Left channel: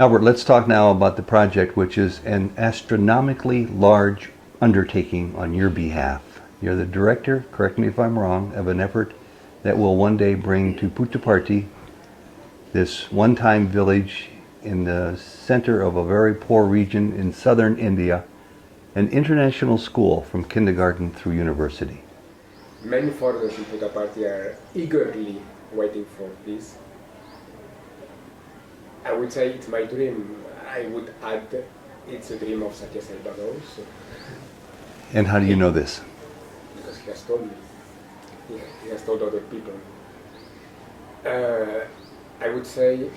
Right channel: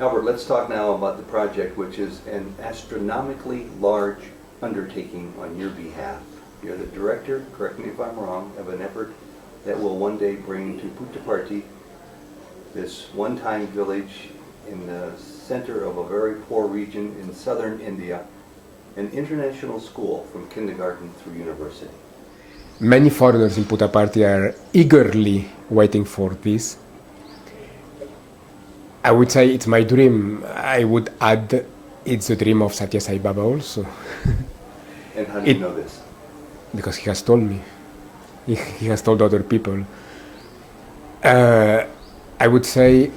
Albert, let's talk now about the project, which is an astronomically large undertaking on your behalf. You're the director, correct me if I'm wrong, of an effort that will one day bring to Puttaparthi, this one-time village in the center of a very poor region in southern India, an international school from kindergarten through university. Many foreigners in Puttaparthi are eagerly waiting for this. I would say it's my dream. I would add it's the dream of Satya Sai Baba also. And how do you know this? Because he has told me. He has told other people. I would say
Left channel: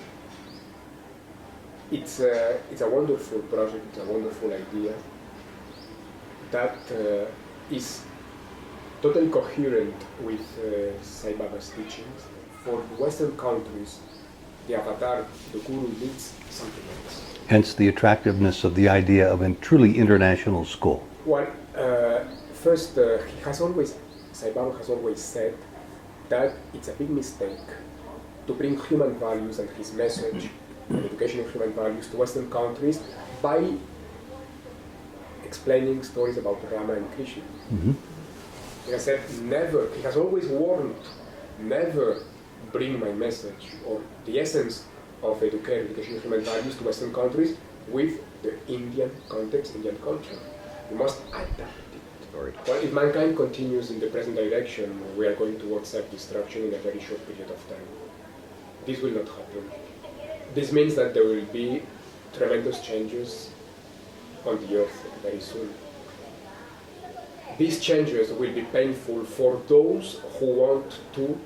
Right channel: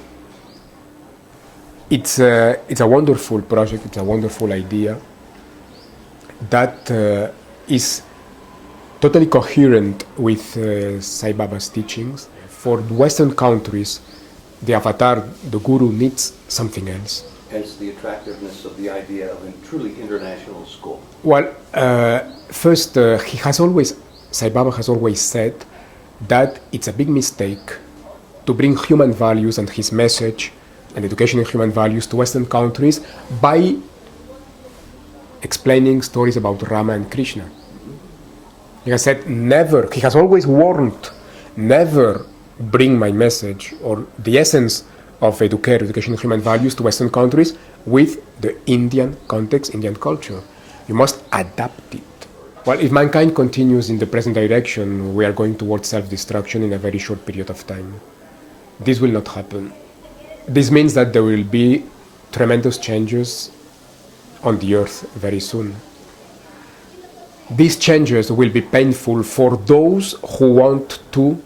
it's a wonderful project, it's a wonderful idea that is totally coherent with Sai Baba's teachings. For Western countries, the avatar, the guru, needs something else. Hence the attractiveness of the idea of a truly international school. Well, first, Sai Baba has always said that it's a big mistake to bring human values and his message and education in human values to Western countries by explaining stories about Rama and Krishna. Mm-hmm. He has said never, he has always warned, never bring my message or the essence of education in human values to Western countries with the Indian context, Indian culture. You must adapt it. Well, if mankind continues in the present direction, we are going towards self-destruction in a very short period of time. This will not happen. This means that there will be tremendous changes on the earth very soon. These changes will be painful for those who want to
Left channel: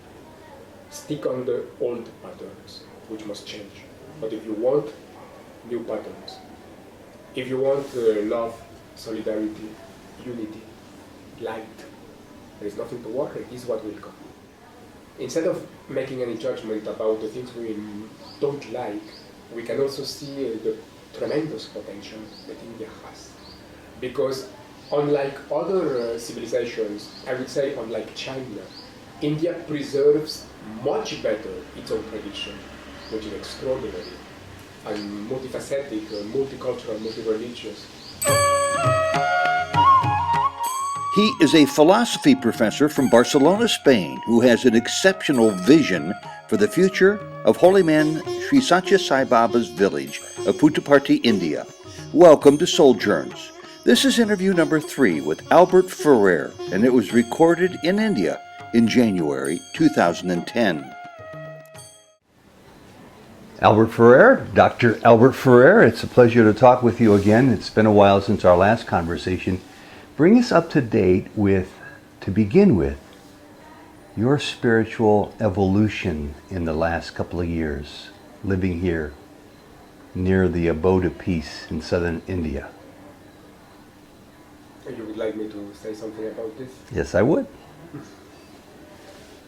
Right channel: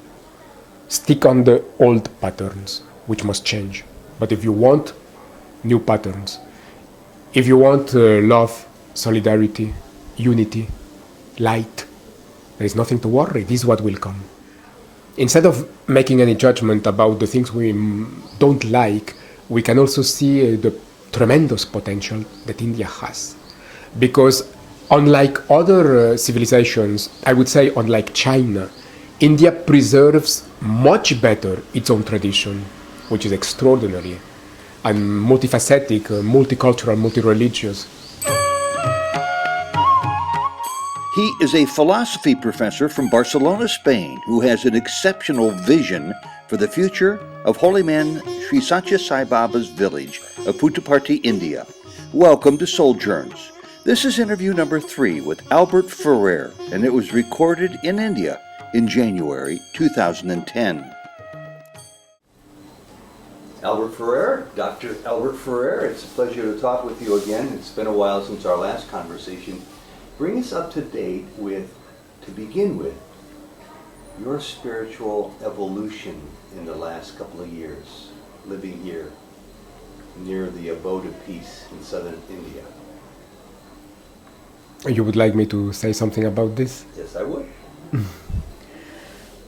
stick on the old patterns, which must change. But if you want new patterns, if you want love, solidarity, unity, light, there is nothing to worry. This is what will come. Instead of making any judgment about the things we don't like, we can also see the tremendous potential that India has. Because unlike other civilizations, I would say unlike China, India preserves much better its own tradition, which is extraordinary, and multifaceted, multicultural, multi-religious. He is a philosophy professor from Barcelona, Spain, who has an exceptional vision for the future of holy man Sri Satya Sai Baba's village of Puttaparthi, India. Welcome to Souljourns. This is interview number 3 with Alber Ferrer, and it was recorded in India in January 2010. Alber Ferrer, Dr. Alber Ferrer, it's a pleasure to talk with you again. It's been a while since our last conversation. Bring us up to date with, to begin with, your spiritual evolution in the last couple of years, living here near the abode of peace in southern India. You would like me to say something about this? Yes, I would.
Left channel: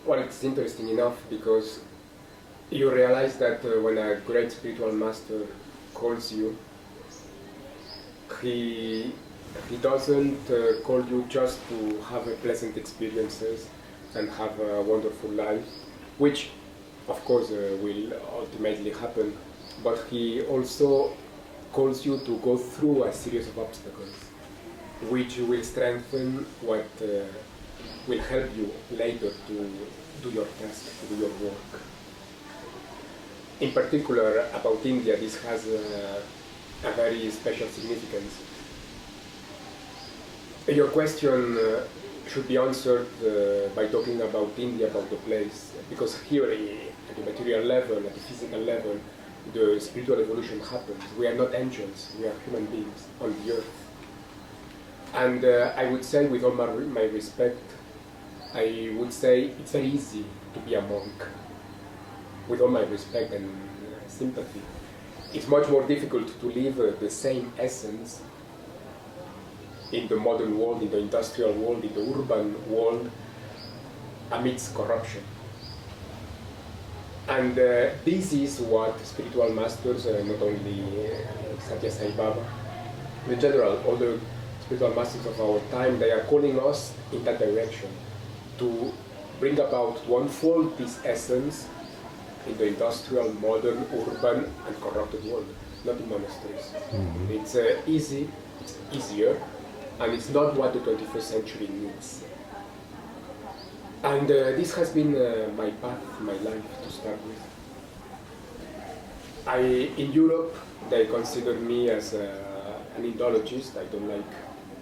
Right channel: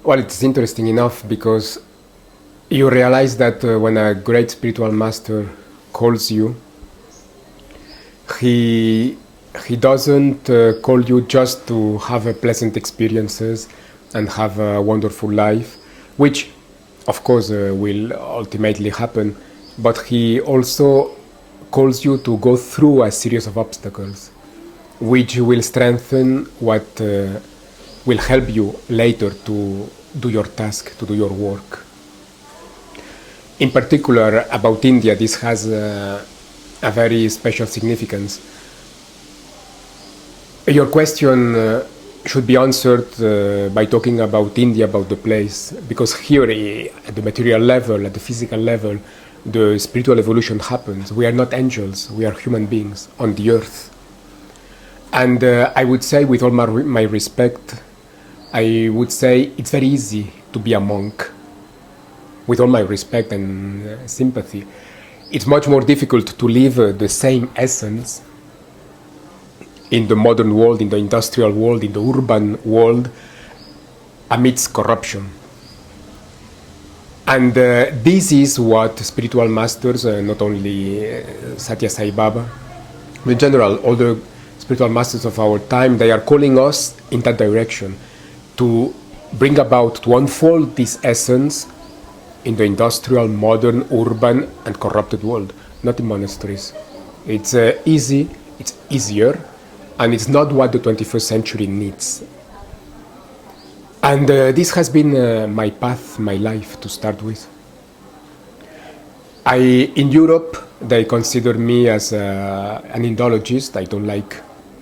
Well, it's interesting enough because you realize that when a great spiritual master calls you, he doesn't call you just to have pleasant experiences and have a wonderful life, which of course will ultimately happen, but he also calls you to go through a series of obstacles which will strengthen what will help you later to do your task, to do your work. In particular, about India, this has a very special significance. Your question should be answered by talking about India, about the place, because here at the material level, at the physical level, the spiritual evolution happens. We are not angels, we are human beings on the earth. And I would say, with all my respect, I would say it's very easy to be a monk. With all my respect and sympathy, it's much more difficult to live the same essence in the modern world, in the industrial world, in the urban world, amidst corruption. And this is what spiritual masters, not only Satya Sai Baba, but in general, all the spiritual masters of our time, they are calling us in that direction, to bring about, to unfold this essence in the industrial, modern, urban, and corrupted world. not in monasteries. It's easy, it's easier, and it's not what the 21st century needs. And this has been my path, my life to start with. In Europe, they consider me as an Indologist. I don't like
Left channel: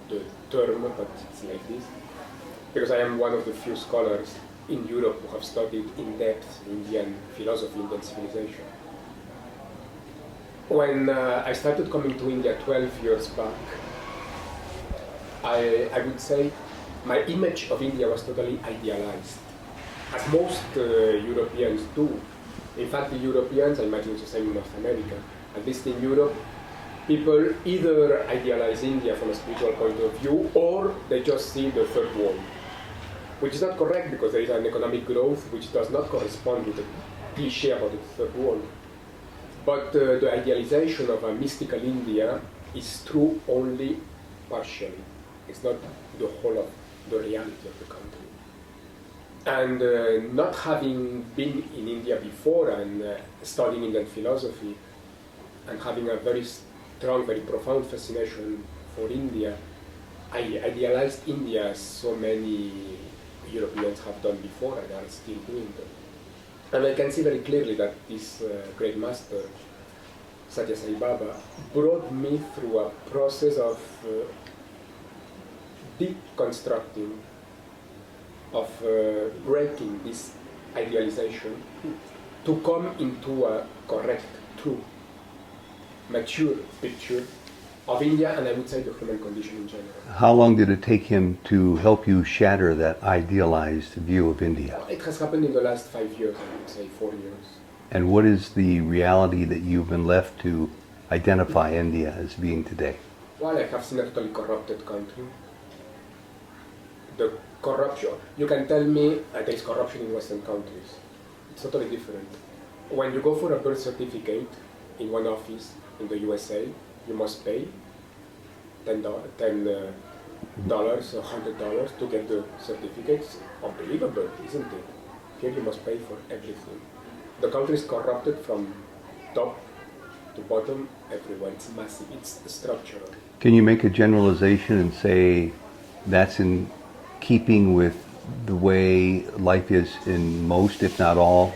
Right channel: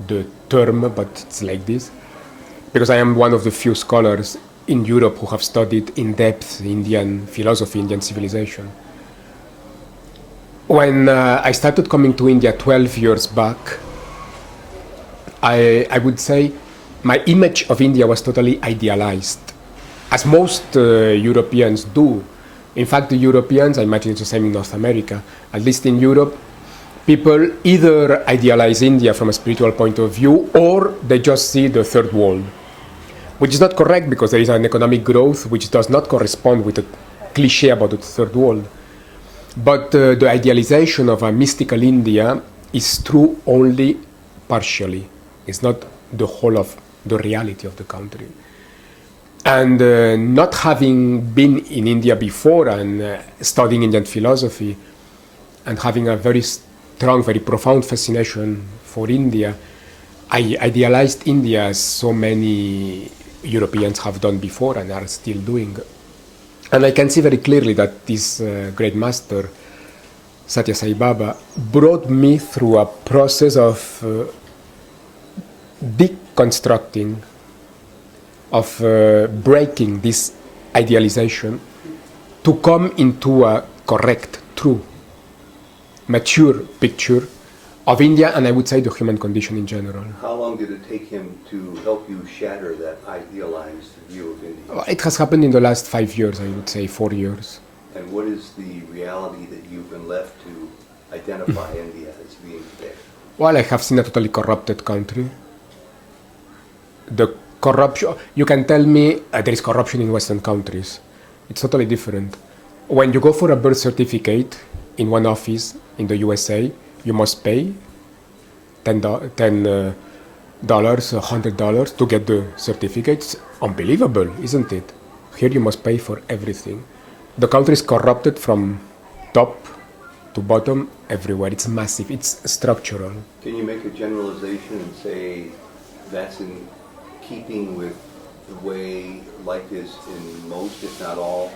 the term, but it's like this. Because I am one of the few scholars in Europe who have studied in depth Indian philosophy, Indian civilization. When I started coming to India 12 years back, I would say my image of India was totally idealized, as most Europeans do. In fact, the Europeans, I imagine it's the same in North America, at least in Europe, people either idealize India from a spiritual point of view or they just see the third world, which is not correct because there is an economic growth which does not correspond with the cliche about the third world. But the idealization of a mystical India is true only partially. It's not the whole of the reality of the country. And not having been in India before and studying Indian philosophy and having a very strong, very profound fascination for India, I idealized India as so many Europeans have done before and are still doing. And I can see very clearly that this great master, Satya Sai Baba, brought me through a process of deconstructing, of breaking this idealization to come into a correct, true, mature picture of India and I would say the human condition in general. How long did it take him to help you shatter that idealized view of India? It has happened in the last 5 years, I would say 4 years. And what is the reality that you've been left to identify India as being today? Well, I have seen a totally corrupted country. The corruption, you can tell me there is corruption in Western countries. It's totally different. When you go for a birth certificate in one office in the USA, you must pay $10, $100 to get the certificate. It's unbelievable, isn't it? Here you must pay for everything. The country is corrupted from top to bottom everywhere. It's massive, it's structural. Can you make a generalization and say that's in keeping with the way life is in most, if not all,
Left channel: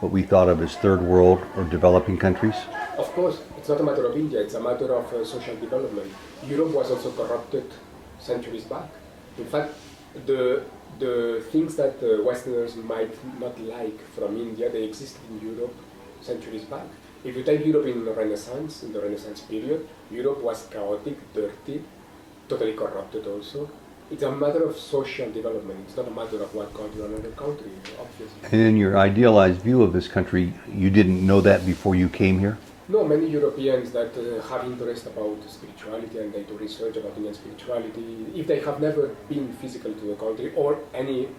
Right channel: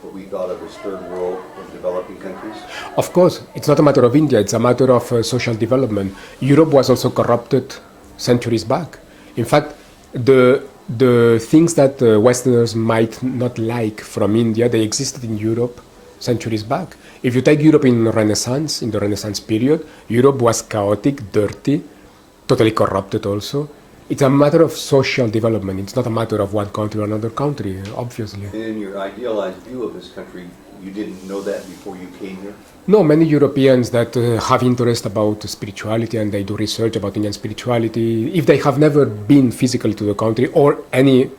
what we thought of as third world or developing countries? Of course, it's not a matter of India, it's a matter of social development. Europe was also corrupted centuries back. In fact, the things that Westerners might not like from India, they existed in Europe centuries back. If you take Europe in the Renaissance period, Europe was chaotic, dirty, totally corrupted also. It's a matter of social development. It's not a matter of one country or another country, obviously. And in your idealized view of this country, you didn't know that before you came here? No, many Europeans that have interest about spirituality and they do research about Indian spirituality, if they have never been physically to the country or any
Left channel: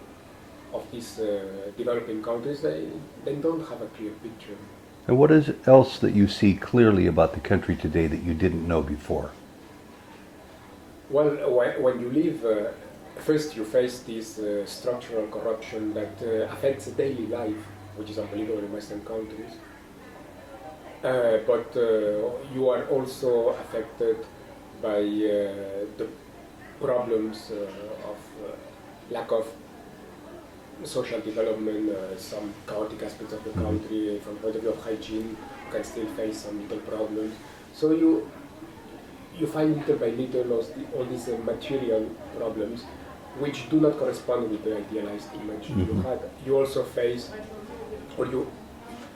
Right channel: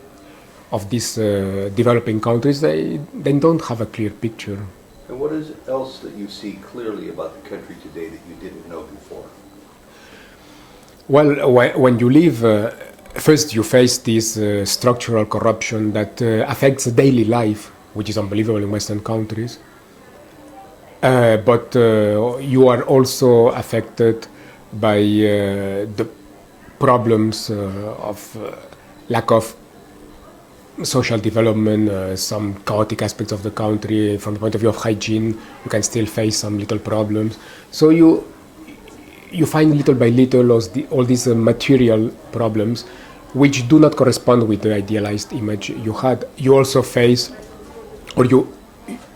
of these developing countries, they don't have a clear picture. And what is it else that you see clearly about the country today that you didn't know before? Well, when you live, first you face this structural corruption that affects daily life, which is unbelievable in Western countries. But you are also affected by the problems of lack of social development, some chaotic aspects of the country. From the point of view of hygiene, you can still face some little problems. So you find little by little all these material problems which do not correspond with the idealized image you had. You also face, or you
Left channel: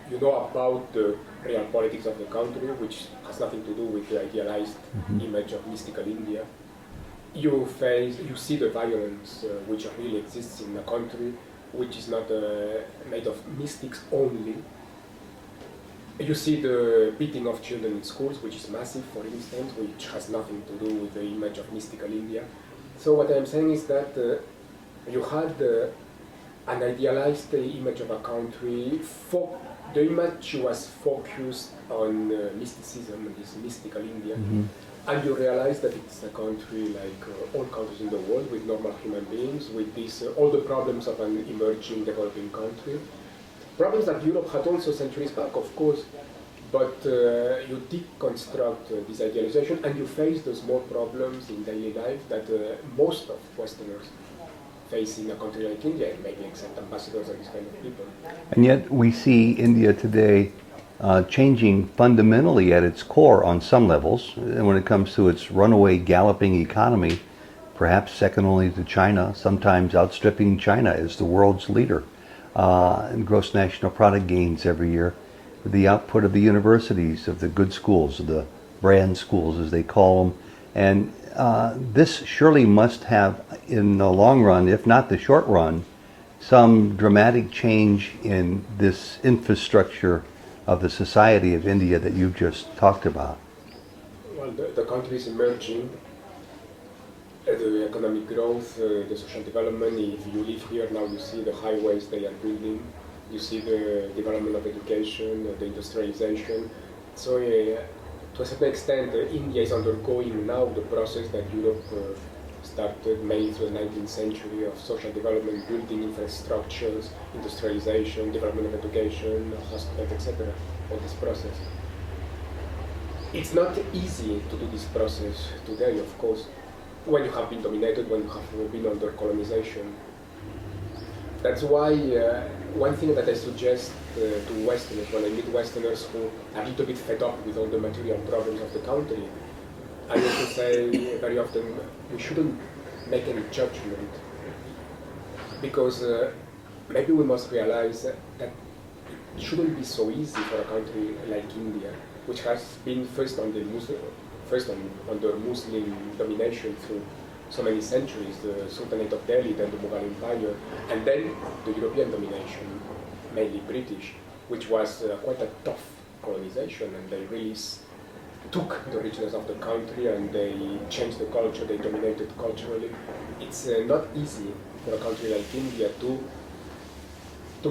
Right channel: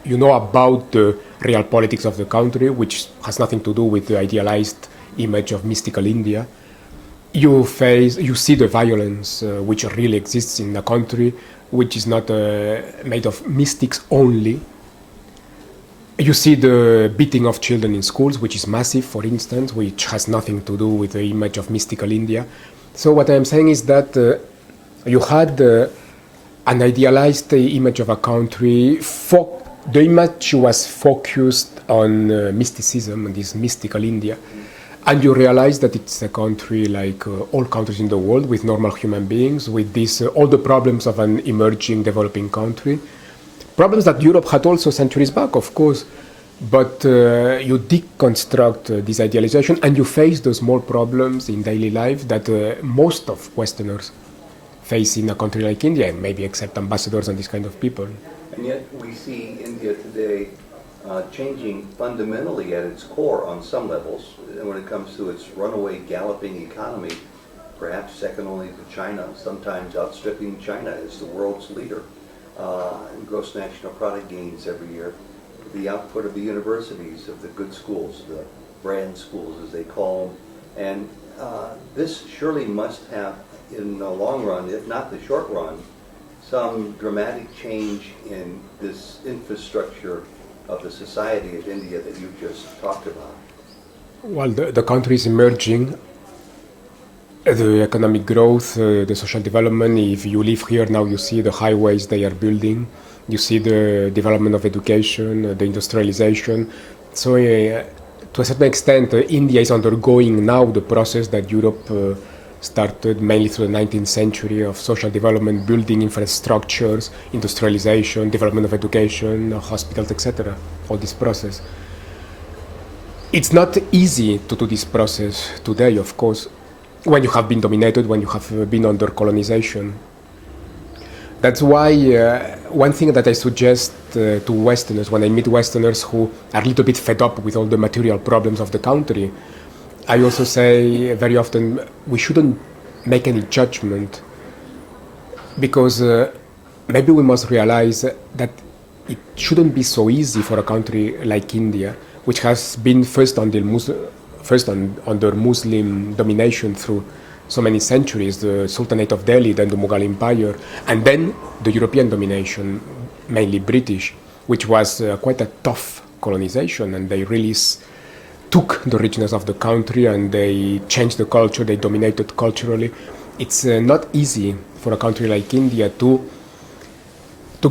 know about the real politics of the country, which has nothing to do with the idealized image of mystical India. You see the violence which really exists in the country, which is not made of mystics only. You see the beating of children in schools, which is massive, for instance, which has nothing to do with the image of mystical India. So what I'm saying is that you had an idealized image of a country. The image was focused on mysticism and this mystical India. And you realize that it's a country like all countries in the world with normal human beings, with all the problems of an emerging, developing country. Problems that Europe had also centuries back, of course. But you deconstruct this idealization and you face the small problems in daily life that most of Westerners face in a country like India, maybe except ambassadors and this kind of people. And yet we see India today changing fundamentally at its core on some levels. And when it comes to its runaway, galloping economy, perhaps second only to China, sometimes outstripping China as the world's leader in gross national product gains every year. The output of the universities, of the good schools, of the brand schools as they call them. And this surely must have, in the long run, if not the short run, some dramatic change in this infrastructure of the society of India that you've just talked about. Well, the country is emerging. The economic growth, the social development, if you live here now, you see the highways they are building. You see the development of education, the industrialization. So to a certain extent, India is undergoing now the process that Europe started mainly through the 19th century of social development, building infrastructures, industrialization, development of education, hospitals, etc. All this process. It's not easy to do this process today, of course, when you have been dominated, when you have been under colonization. That's why one thing that I suggest to Westerners, when I meet Westerners who are a little bit fed up with all the material problems of the country, I also say very often we shouldn't make any judgment, because maybe we must realize that it shouldn't be so easy for a country like India, which has been first under Muslim domination through so many centuries, the Sultanate of Delhi, then the Mughal Empire, and then the European domination, mainly British, which was quite a tough colonization, and they really took the richness of the country and they changed the culture, they dominated culturally. It's not easy for a country like India to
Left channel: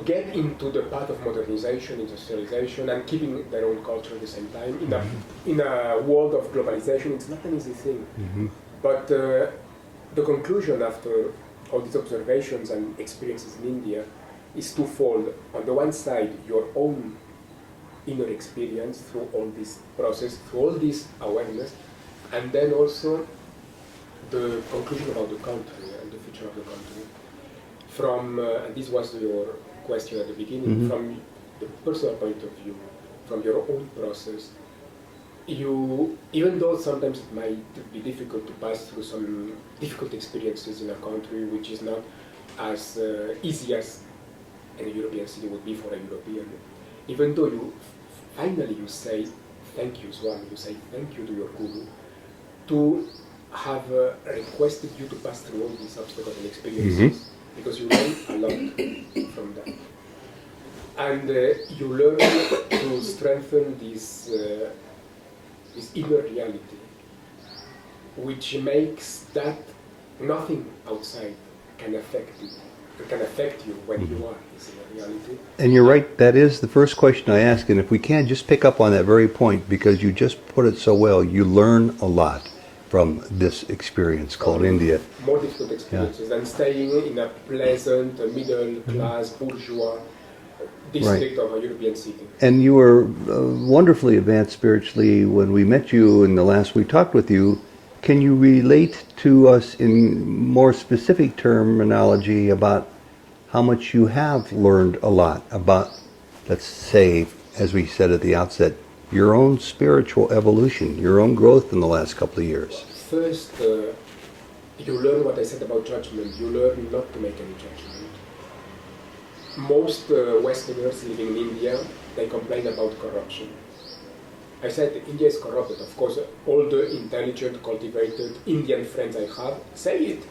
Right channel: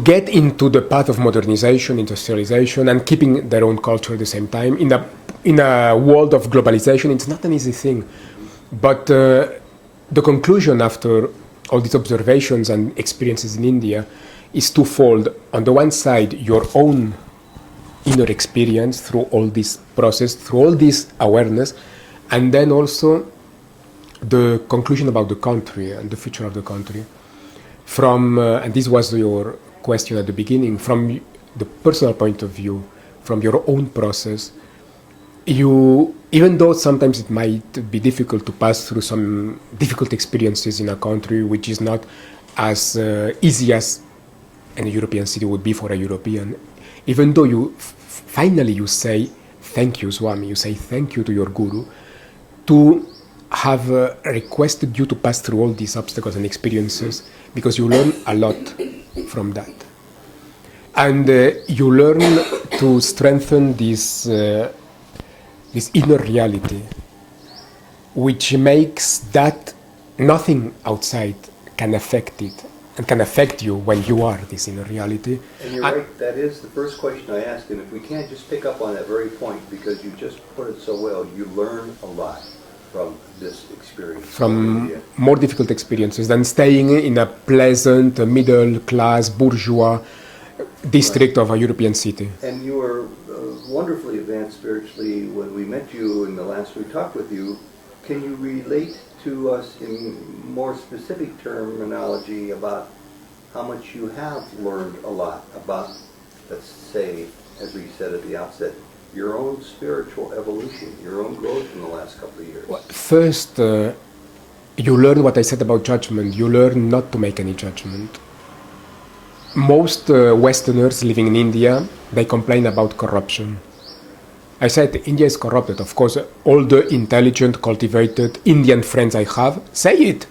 get into the path of modernization, industrialization, and keeping their own culture at the same time. In a world of globalization, it's not an easy thing. Mm-hmm. But the conclusion after all these observations and experiences in India is twofold. On the one side, your own inner experience through all this process, through all this awareness, and then also the conclusion about the country and the future of the country. From, and this was your question at the beginning, mm-hmm. From the personal point of view, from your own process, you, even though sometimes it might be difficult to pass through some difficult experiences in a country which is not as easy as a European city would be for a European, even though you finally you say thank you, Swami, you say thank you to your guru, to have requested you to pass through all these obstacles and experiences, mm-hmm. because you learn a lot from that. And you learn to strengthen this inner reality, which makes that nothing outside can affect it, and can affect you when you are this inner reality. And you're right, that is the first question I ask, and if we can just pick up on that very point, because you just put it so well, you learn a lot from this experience from India. More difficult experiences than staying in a pleasant, middle-class, bourgeois district, right, of a European city. And you were wonderfully advanced spiritually when we met you and the last we talked with you. Can you relate to us in more specific terminology about how much you have learned a lot about, let's say, as we said at the outset, your own spiritual evolution, your own growth in the last couple of years? First, you learn what I said about judgment. You learn not to make any judgment. Most Westerners living in India, they complain about corruption. I said India is corrupted. Of course, all the intelligent, cultivated Indian friends I have say it.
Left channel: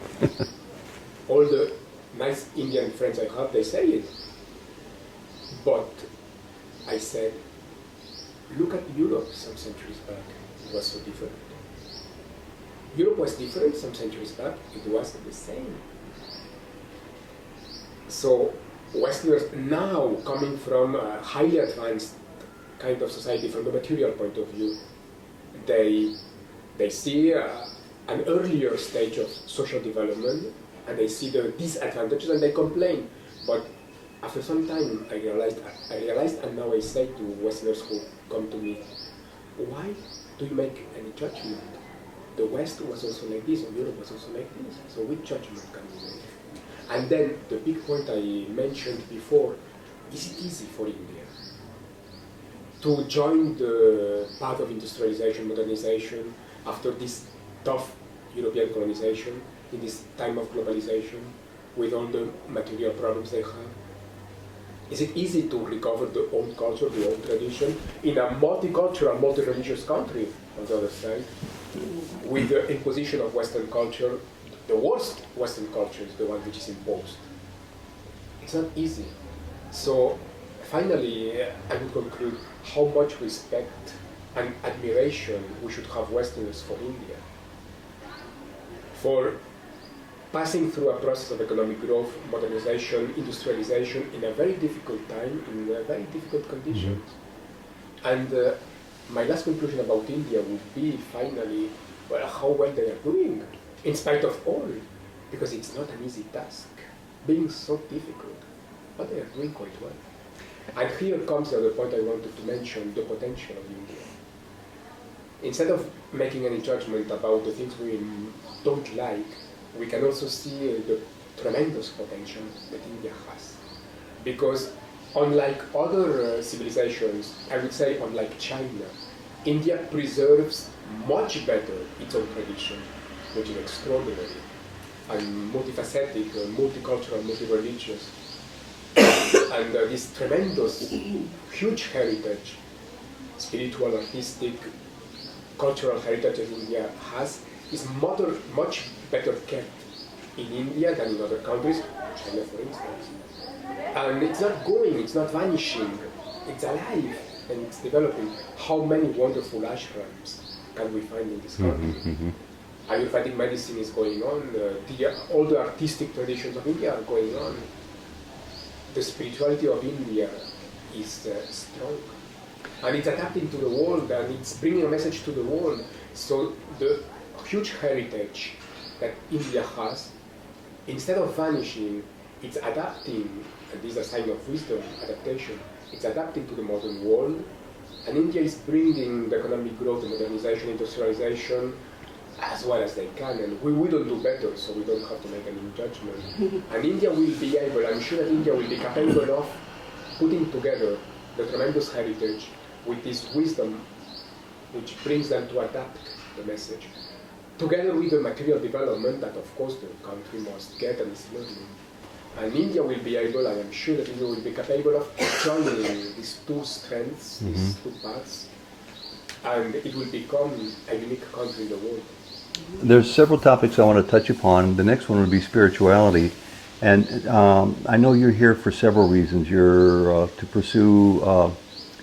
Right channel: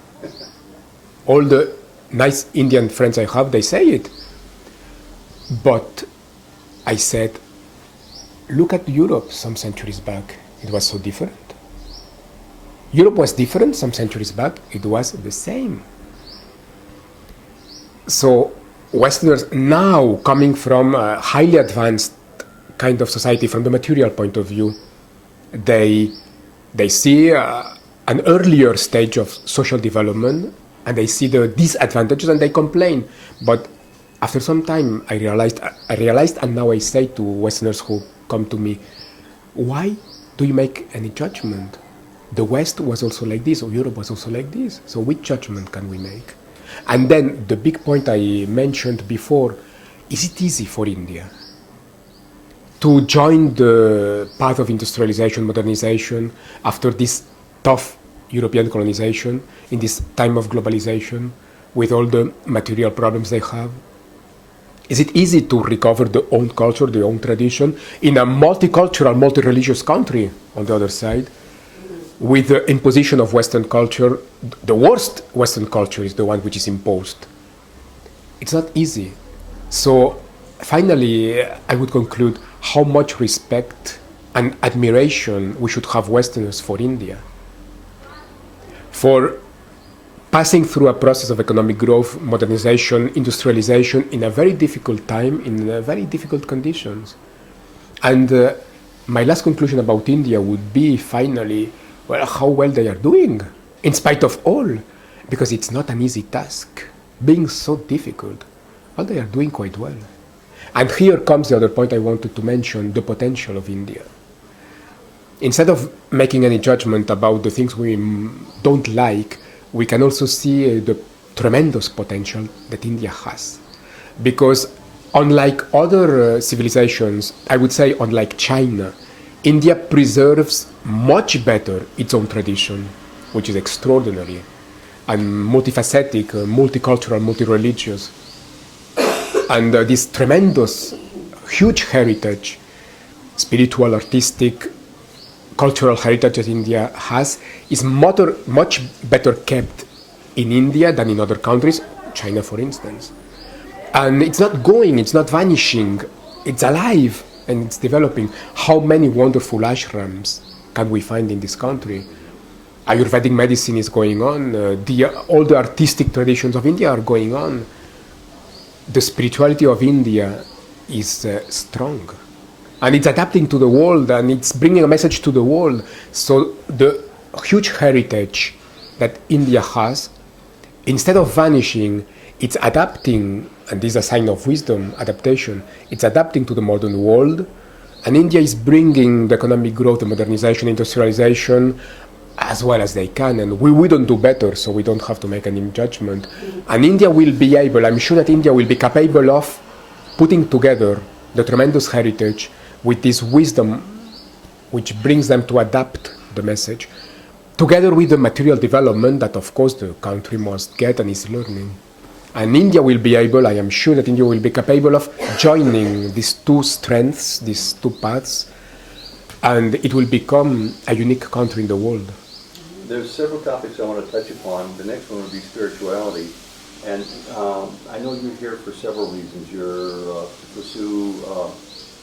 All the nice Indian friends I have, they say it. But I said, look at Europe some centuries back. It was so different. Europe was different some centuries back. It was the same. So Westerners now, coming from a highly advanced kind of society from the material point of view, they see an earlier stage of social development, and they see the disadvantages and they complain. But after some time, I realized, and now I say to Westerners who come to me, why do you make any judgment? The West was also like this, or Europe was also like this. So which judgment can we make? And then the big point I mentioned before, is it easy for India to join the path of industrialization, modernization, after this tough European colonization, in this time of globalization, with all the material problems they have? Is it easy to recover their own culture, their own tradition, in a multicultural, multi-religious country on the other side, with the imposition of Western culture? The worst Western culture is the one which is imposed. It's not easy. So finally, I would conclude how much respect and admiration we should have Westerners for India, for passing through a process of economic growth, modernization, industrialization in a very difficult time, in very difficult conditions. And my last conclusion about India would be, finally, well, how well they are doing, in spite of all, because it's not an easy task, being so difficult. Well, they are doing quite well. And here comes the other point I wanted to mention, the potential of India. Instead of making any judgment about the things we don't like, we can also see the tremendous potential that India has. Because unlike other civilizations, I would say unlike China, India preserves much better its own tradition, which is extraordinary, and multifaceted, multicultural, multi-religious. And this tremendous, huge heritage, spiritual, artistic, cultural heritage that India has, is much better kept in India than in other countries, China for instance. And it's not going, it's not vanishing, it's alive and it's developing. How many wonderful ashrams can we find in this country? Ayurvedic medicine is going on, all the artistic traditions of India are going on. The spirituality of India is strong. And it's adapting to the world, and it's bringing a message to the world. So the huge heritage that India has, instead of vanishing, it's adapting, and this is a sign of wisdom, adaptation. It's adapting to the modern world, and India is bringing the economic growth, the modernization, industrialization, as well as they can, and we wouldn't do better, so we don't have to make any judgment. And India will be able, I'm sure that India will be capable of putting together the tremendous heritage with this wisdom which brings them to adapt the message, together with the material development that of course the country must get and is learning. And India will be able, I am sure that India will be capable of joining these two strengths, these two paths, and it will become a unique country in the world. There's several topics I want to touch upon. The next one would be spirituality. And I know you're here for several reasons. You're to pursue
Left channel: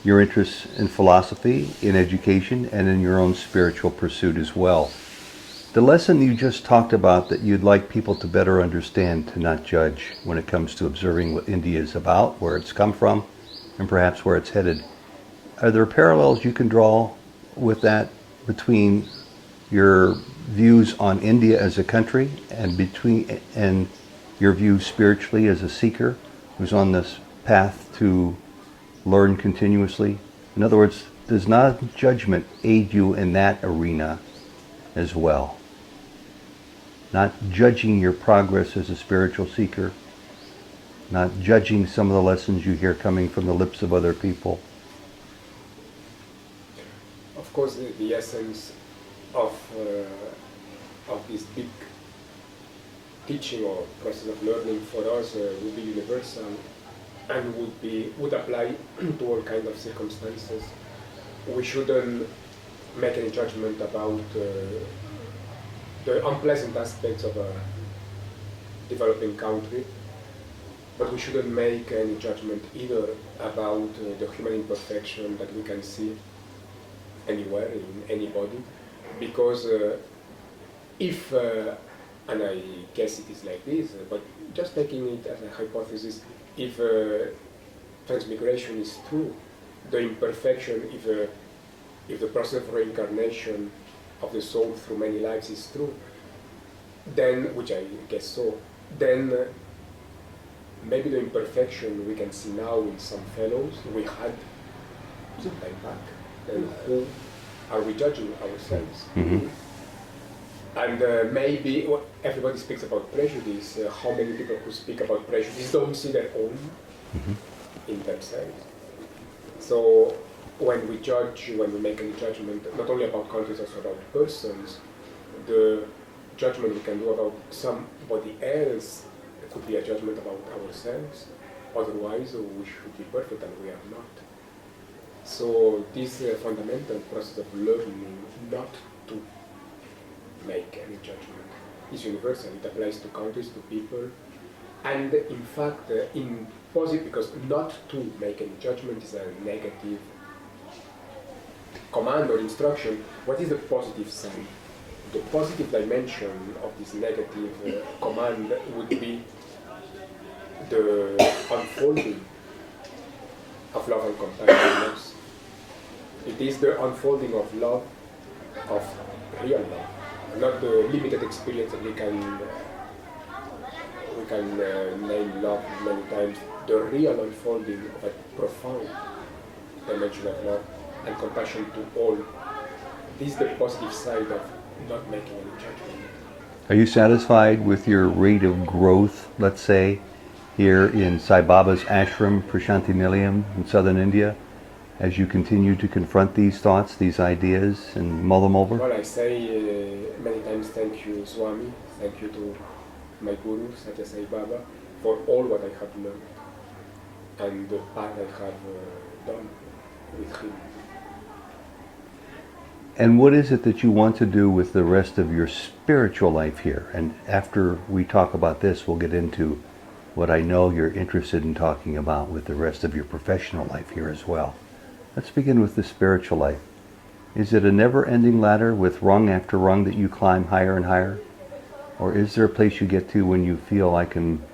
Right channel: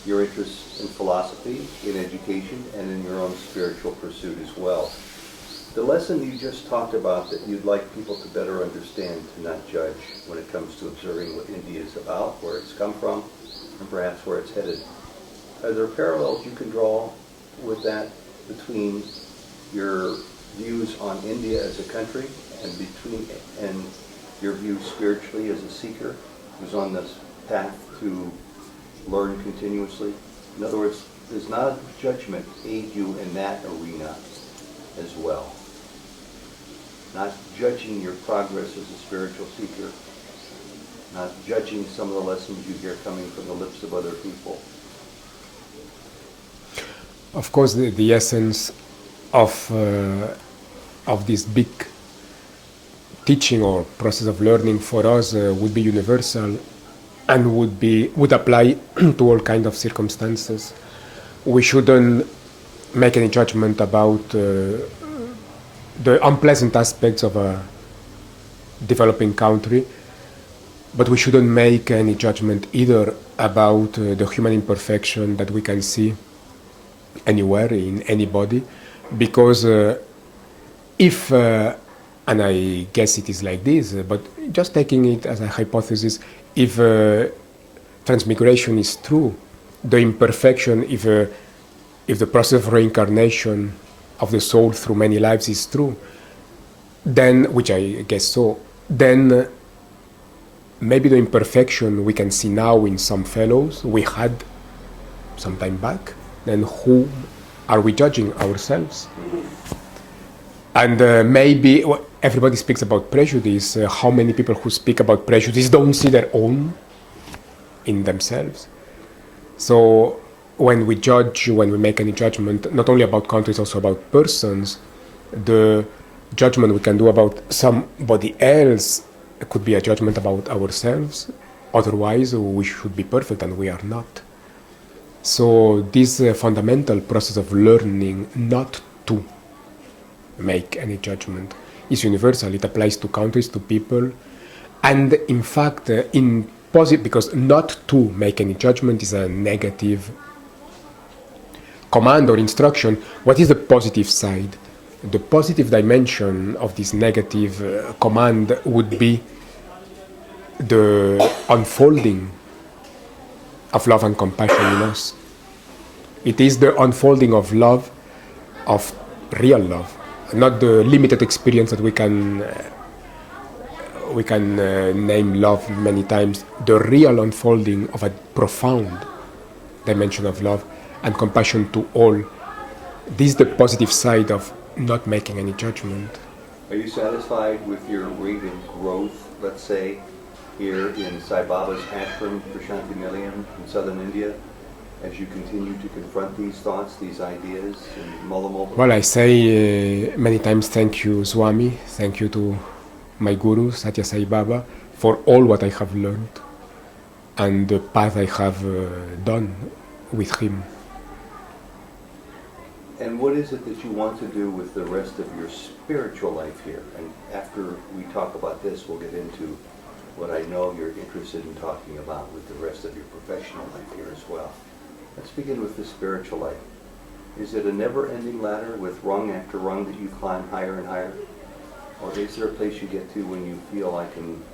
your interests in philosophy, in education, and in your own spiritual pursuit as well. The lesson you just talked about that you'd like people to better understand, to not judge when it comes to observing what India is about, where it's come from, and perhaps where it's headed. Are there parallels you can draw with that between your views on India as a country and your views spiritually as a seeker who's on this path to learn continuously? In other words, does not judgment aid you in that arena as well? Not judging your progress as a spiritual seeker, not judging some of the lessons you hear coming from the lips of other people. Of course, the essence of this big teaching or process of learning for us would be universal and would apply to all kinds of circumstances. We shouldn't make any judgment about the unpleasant aspects of a developing country, but we shouldn't make any judgment either about the human imperfection that we can see anywhere in anybody, because if, and I guess it is like this, but just taking it as a hypothesis, if transmigration is true, the imperfection, if the process of reincarnation of the soul through many lives is true, then, which I guess so, then maybe the imperfection we can see now in some fellows, we had some time back, then who are we judging? Ourselves? And maybe everybody speaks about prejudice. How many people who speak about prejudice don't see their own in themselves? So when we judge, when we make any judgment, not only about countries, also about persons, the judgment we can do about somebody else could be a judgment about ourselves. Otherwise, we should be perfect, and we are not. So this fundamental process of learning not to make any judgment is universal. It applies to countries, to people, and in fact, in positive, because not to make any judgment is a negative command or instruction. What is the positive side? The positive dimension of this negative command would be the unfolding of love and compassion in us. It is the unfolding of love, of real love, not the limited experience that we can name love many times. The real unfolding of a profound dimension of love and compassion to all. This is the positive side of not making any judgment. Are you satisfied with your rate of growth, let's say, here in Sai Baba's ashram, Prashanti Nilayam in southern India, as you continue to confront these thoughts, these ideas, and mull them over? Well, I say many times thank you, Swami, thank you to my Guru, Satya Sai Baba, for all what I have learned and the path I have done with him. And what is it that you want to do with the rest of your spiritual life here? And after we talk about this, we'll get into what I know you're interested in talking about with the rest of your professional life here as well. Let's begin with the spiritual life. Is it a never-ending ladder with rung after rung that you climb higher and higher? Or is there a place you get to when you feel I can...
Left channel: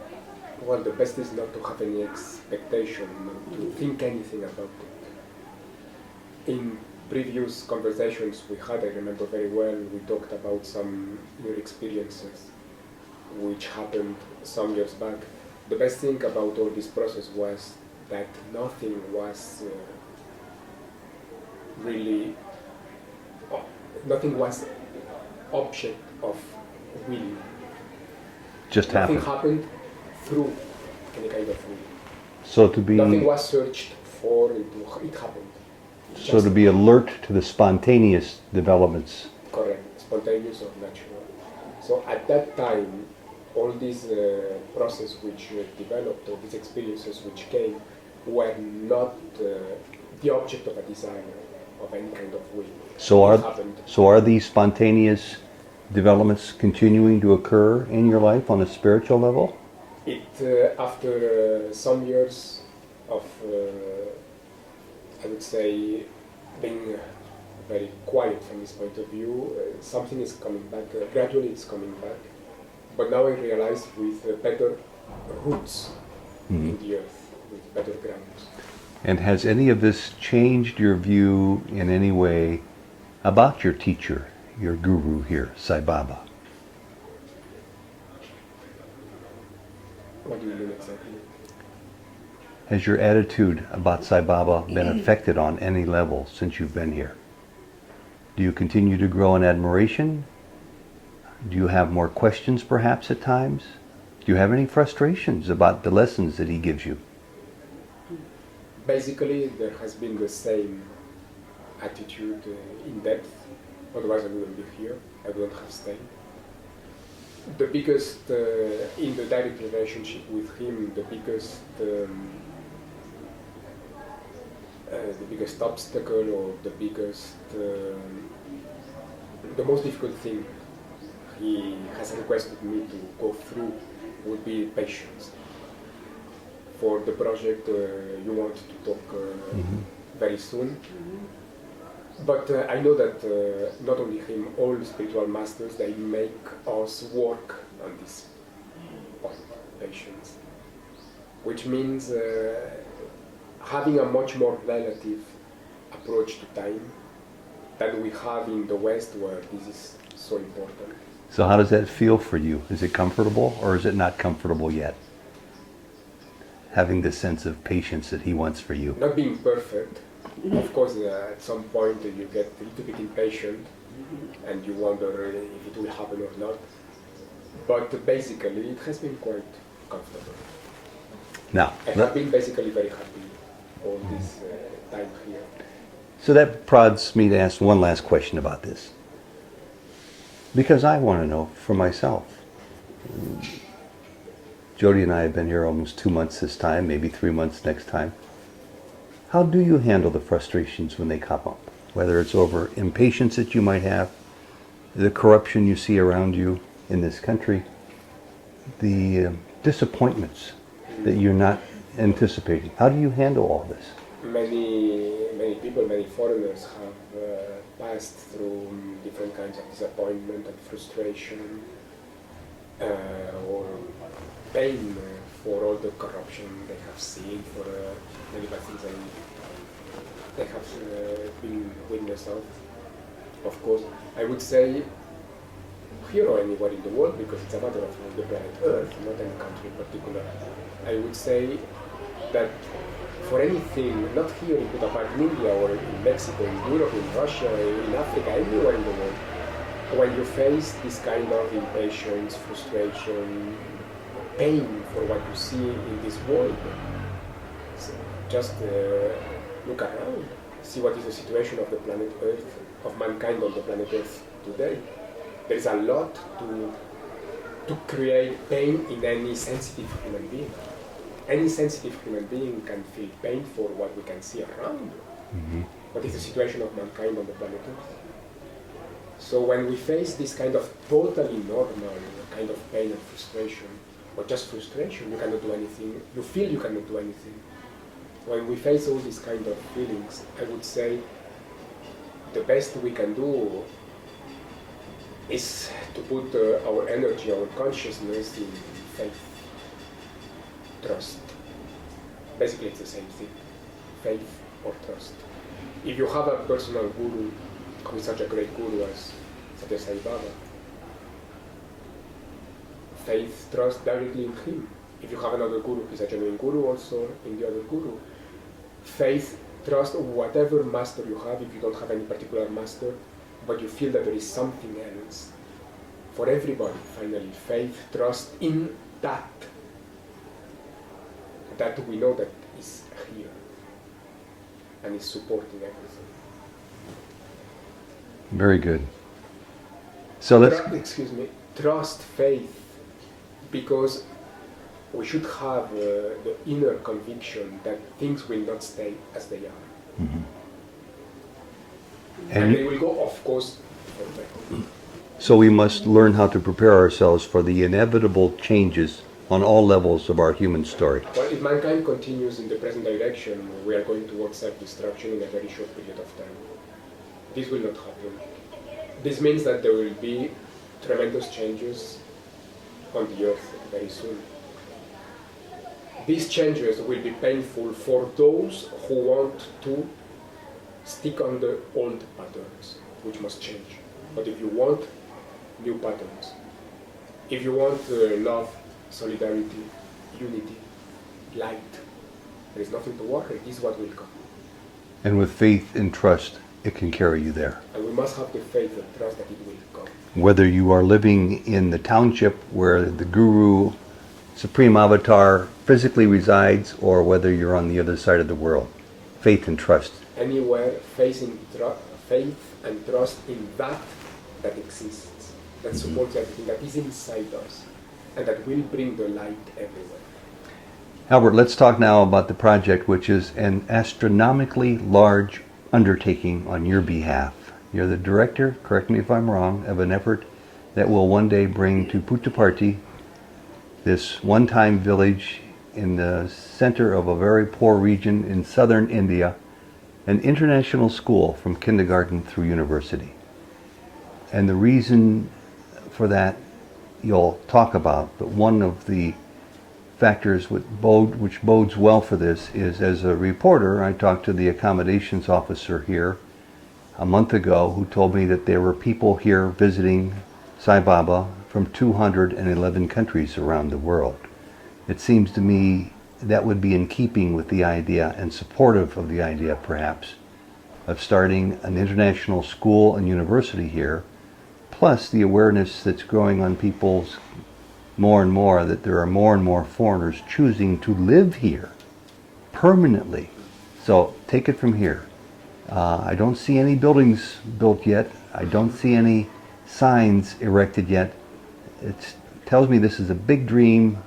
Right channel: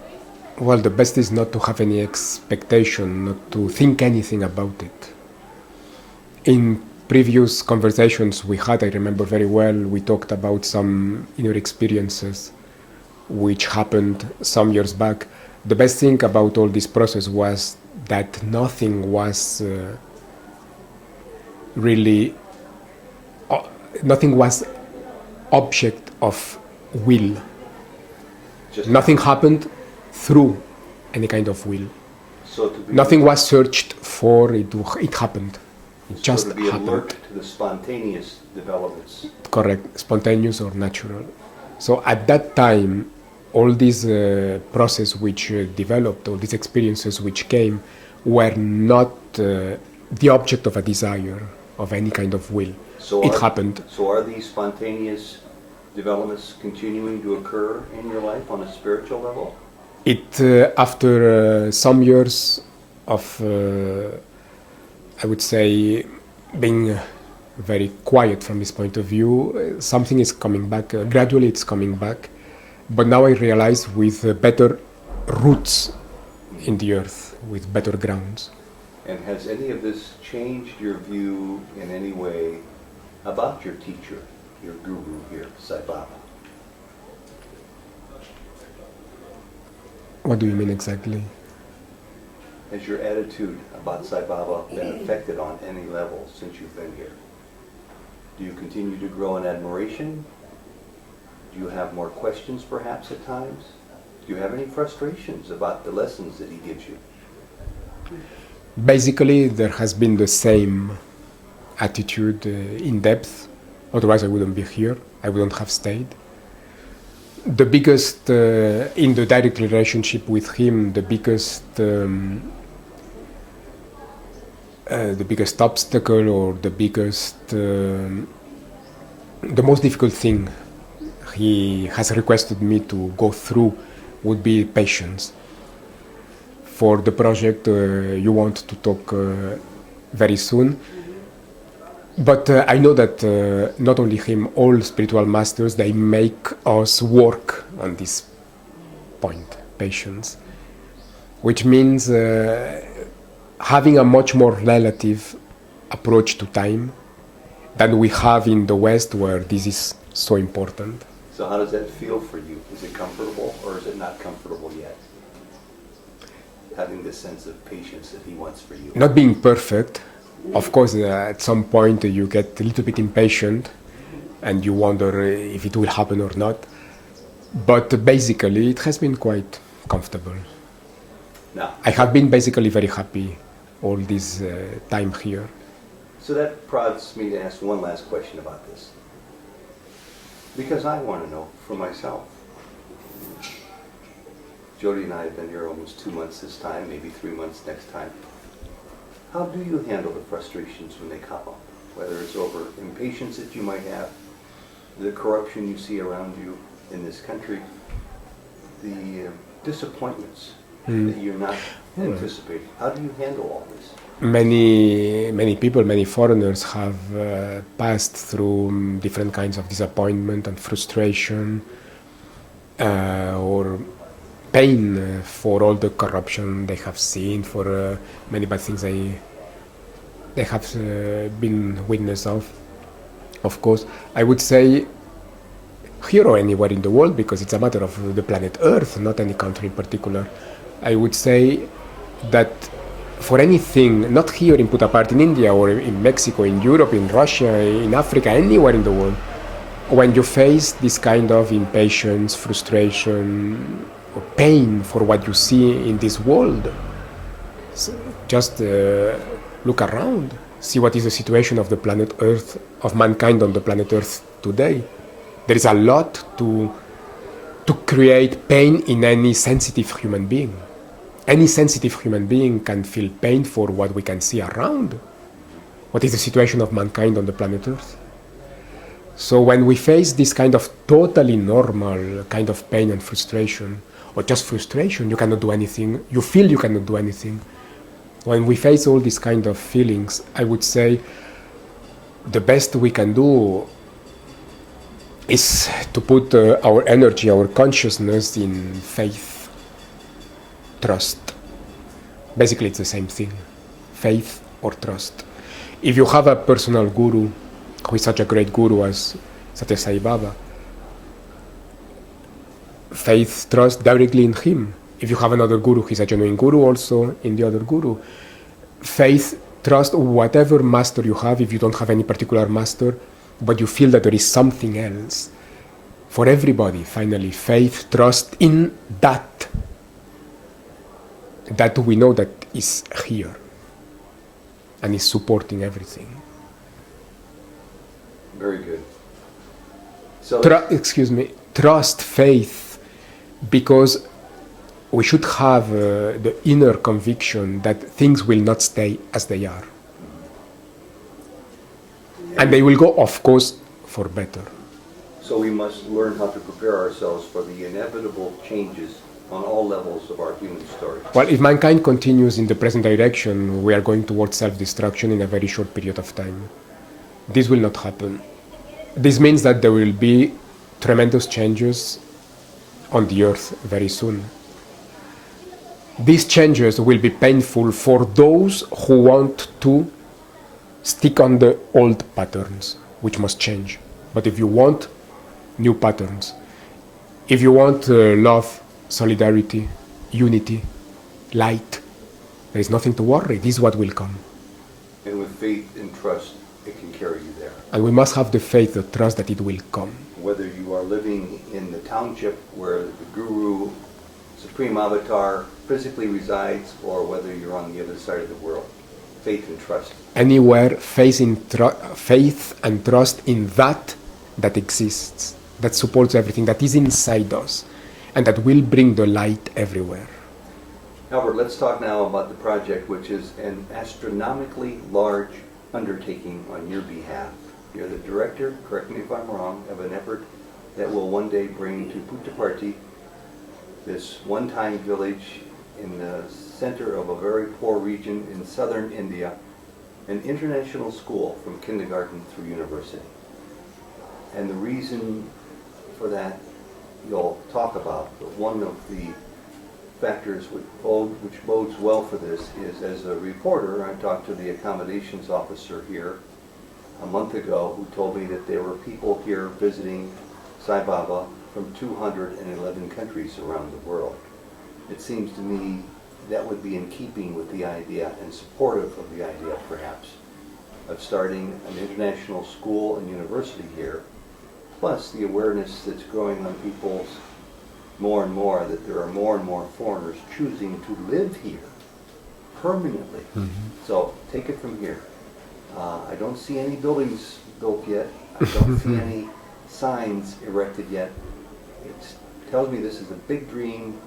Well, the best is not to have any expectation, not to think anything about it. In previous conversations we had, I remember very well, we talked about some inner experiences which happened some years back. The best thing about all this process was that nothing was nothing was object of will. Just nothing happened through any kind of will. So to be... Nothing was searched for, it happened. So to be alert to the spontaneous developments. Correct, spontaneous or natural. So at that time, all these process which developed, all these experiences which came, were not the object of a desire, of any kind of will. So it happened. So are these spontaneous developments continuing to occur in your life on a spiritual level? It, after some years of, I would say, being very quiet from this point of view, something is coming back. Gradually it's coming back. But now I realize with better roots in the earth, with better grounds. And has any of this changed your view in any way about your teacher, your guru here, Sai Baba? What do you mean exactly? Has your attitude about Sai Baba been affected on any level since you've been here? Do you continue to grow in admiration? Do you have more questions perhaps at times? Do you have any frustrations about the lessons that he gives you? Basically, there has been the same attitude in depth. Otherwise, I wouldn't be here. I wouldn't have stayed. The biggest, in the direct relationship with him, the biggest obstacle or the most difficult thing he has requested me to go through would be patience. For the project you want to talk very soon. But I know that not only him, all spiritual masters, they make us work on this point, patience, which means having a much more relative approach to time than we have in the West, where this is so important. So how does that feel for you? Is it comfortable or is it not comfortable yet? Having this sense of patience that he wants for you. Not being perfect, Of course, at some point you get a little bit impatient and you wonder if it will happen or not. But basically, it has been quite comfortable. Now, I have been basically very happy all this time here. so that prods me to ask one last question about this. Because I want to know for myself. Jody and I have been here almost 2 months this time, maybe 3 months next time. How do you handle the frustrations when they come up? Whether it's over impatience that you might have, the corruption you see around you in this country, the disappointments that you're not anticipating. How do you handle all this? Many people, many foreigners have passed through different kinds of disappointment and frustration or pain for all the corruption they have seen, for many bad things they have been witness of course. I would say here or anywhere in the world, because it's a matter of the planet Earth, not any country in particular, I would say that for anything, not here in Puttaparthi in India or in Mexico, in Europe, in Russia, in Africa, anywhere in the world, when you face this kind of impatience, frustration, or pain for what you see in this world, just look around, see what is the situation of the planet Earth, of mankind on the planet Earth today. There is a lot to create pain in any sensitive human being. Any sensitive human being can feel pain for what we can see around. Mm-hmm. What is the situation of mankind on the planet Earth? So when we face this kind of totally normal kind of pain and frustration, or just frustration, you cannot do anything, you feel you cannot do anything. When we face all these kind of feelings, I would say the best we can do is to put our energy, our consciousness in faith, trust. Basically, it's the same thing, faith or trust. If you have a personal guru, who is such a great guru as Satya Sai Baba, faith, trust directly in him. If you have another guru, he's a genuine guru also in the other guru. Faith, trust, whatever master you have, if you don't have any particular master, but you feel that there is something else. For everybody, finally, faith, trust in that we know that is here and is supporting everything. Very good. So trust, faith, because we should have the inner conviction that things will not stay as they are. Mm-hmm. And they will go, of course, for better. So we must learn how to prepare ourselves for the inevitable changes on all levels of our human story. Well, if mankind continues in the present direction, we are going towards self-destruction in a very short period of time. This will not happen. This means that there will be tremendous changes on the earth very soon. These changes will be painful for those who want to stick on the old patterns, which must change. But if you want new patterns, if you want love, solidarity, unity, light, there is nothing to worry. This is what will come. And with faith and trust, it can carry you there. And we must have the faith, the trust that it will come. Whether you are living in the township where the Guru, Supreme Avatar, physically resides, or whether you're on the other side of the world, faith and trust. Anywhere, faith and trust in that exists, that supports everything, that is inside us, and that will bring the light everywhere. Albert, let's talk now about the project, which is an astronomically large undertaking on your behalf. You're the director, correct me if I'm wrong, of an effort that will one day bring to Puttaparthi, this one-time village in the center of a very poor region in southern India, an international school from kindergarten through university. And the reason for that you'll talk about, but one of the factors which bodes well for this is, as a reporter, I talked to the accommodations officer here a month ago who told me that there were people here visiting Sai Baba from 211 countries around the world. It seems to me that would be in keeping with the idea and supportive of the idea, perhaps, of starting an international school and university here, plus the awareness that's growing on people's more and more that there are more and more foreigners choosing to live here permanently. So take it from here. I don't see any buildings built yet. I don't see any signs erected yet. It tells me this is a big dream,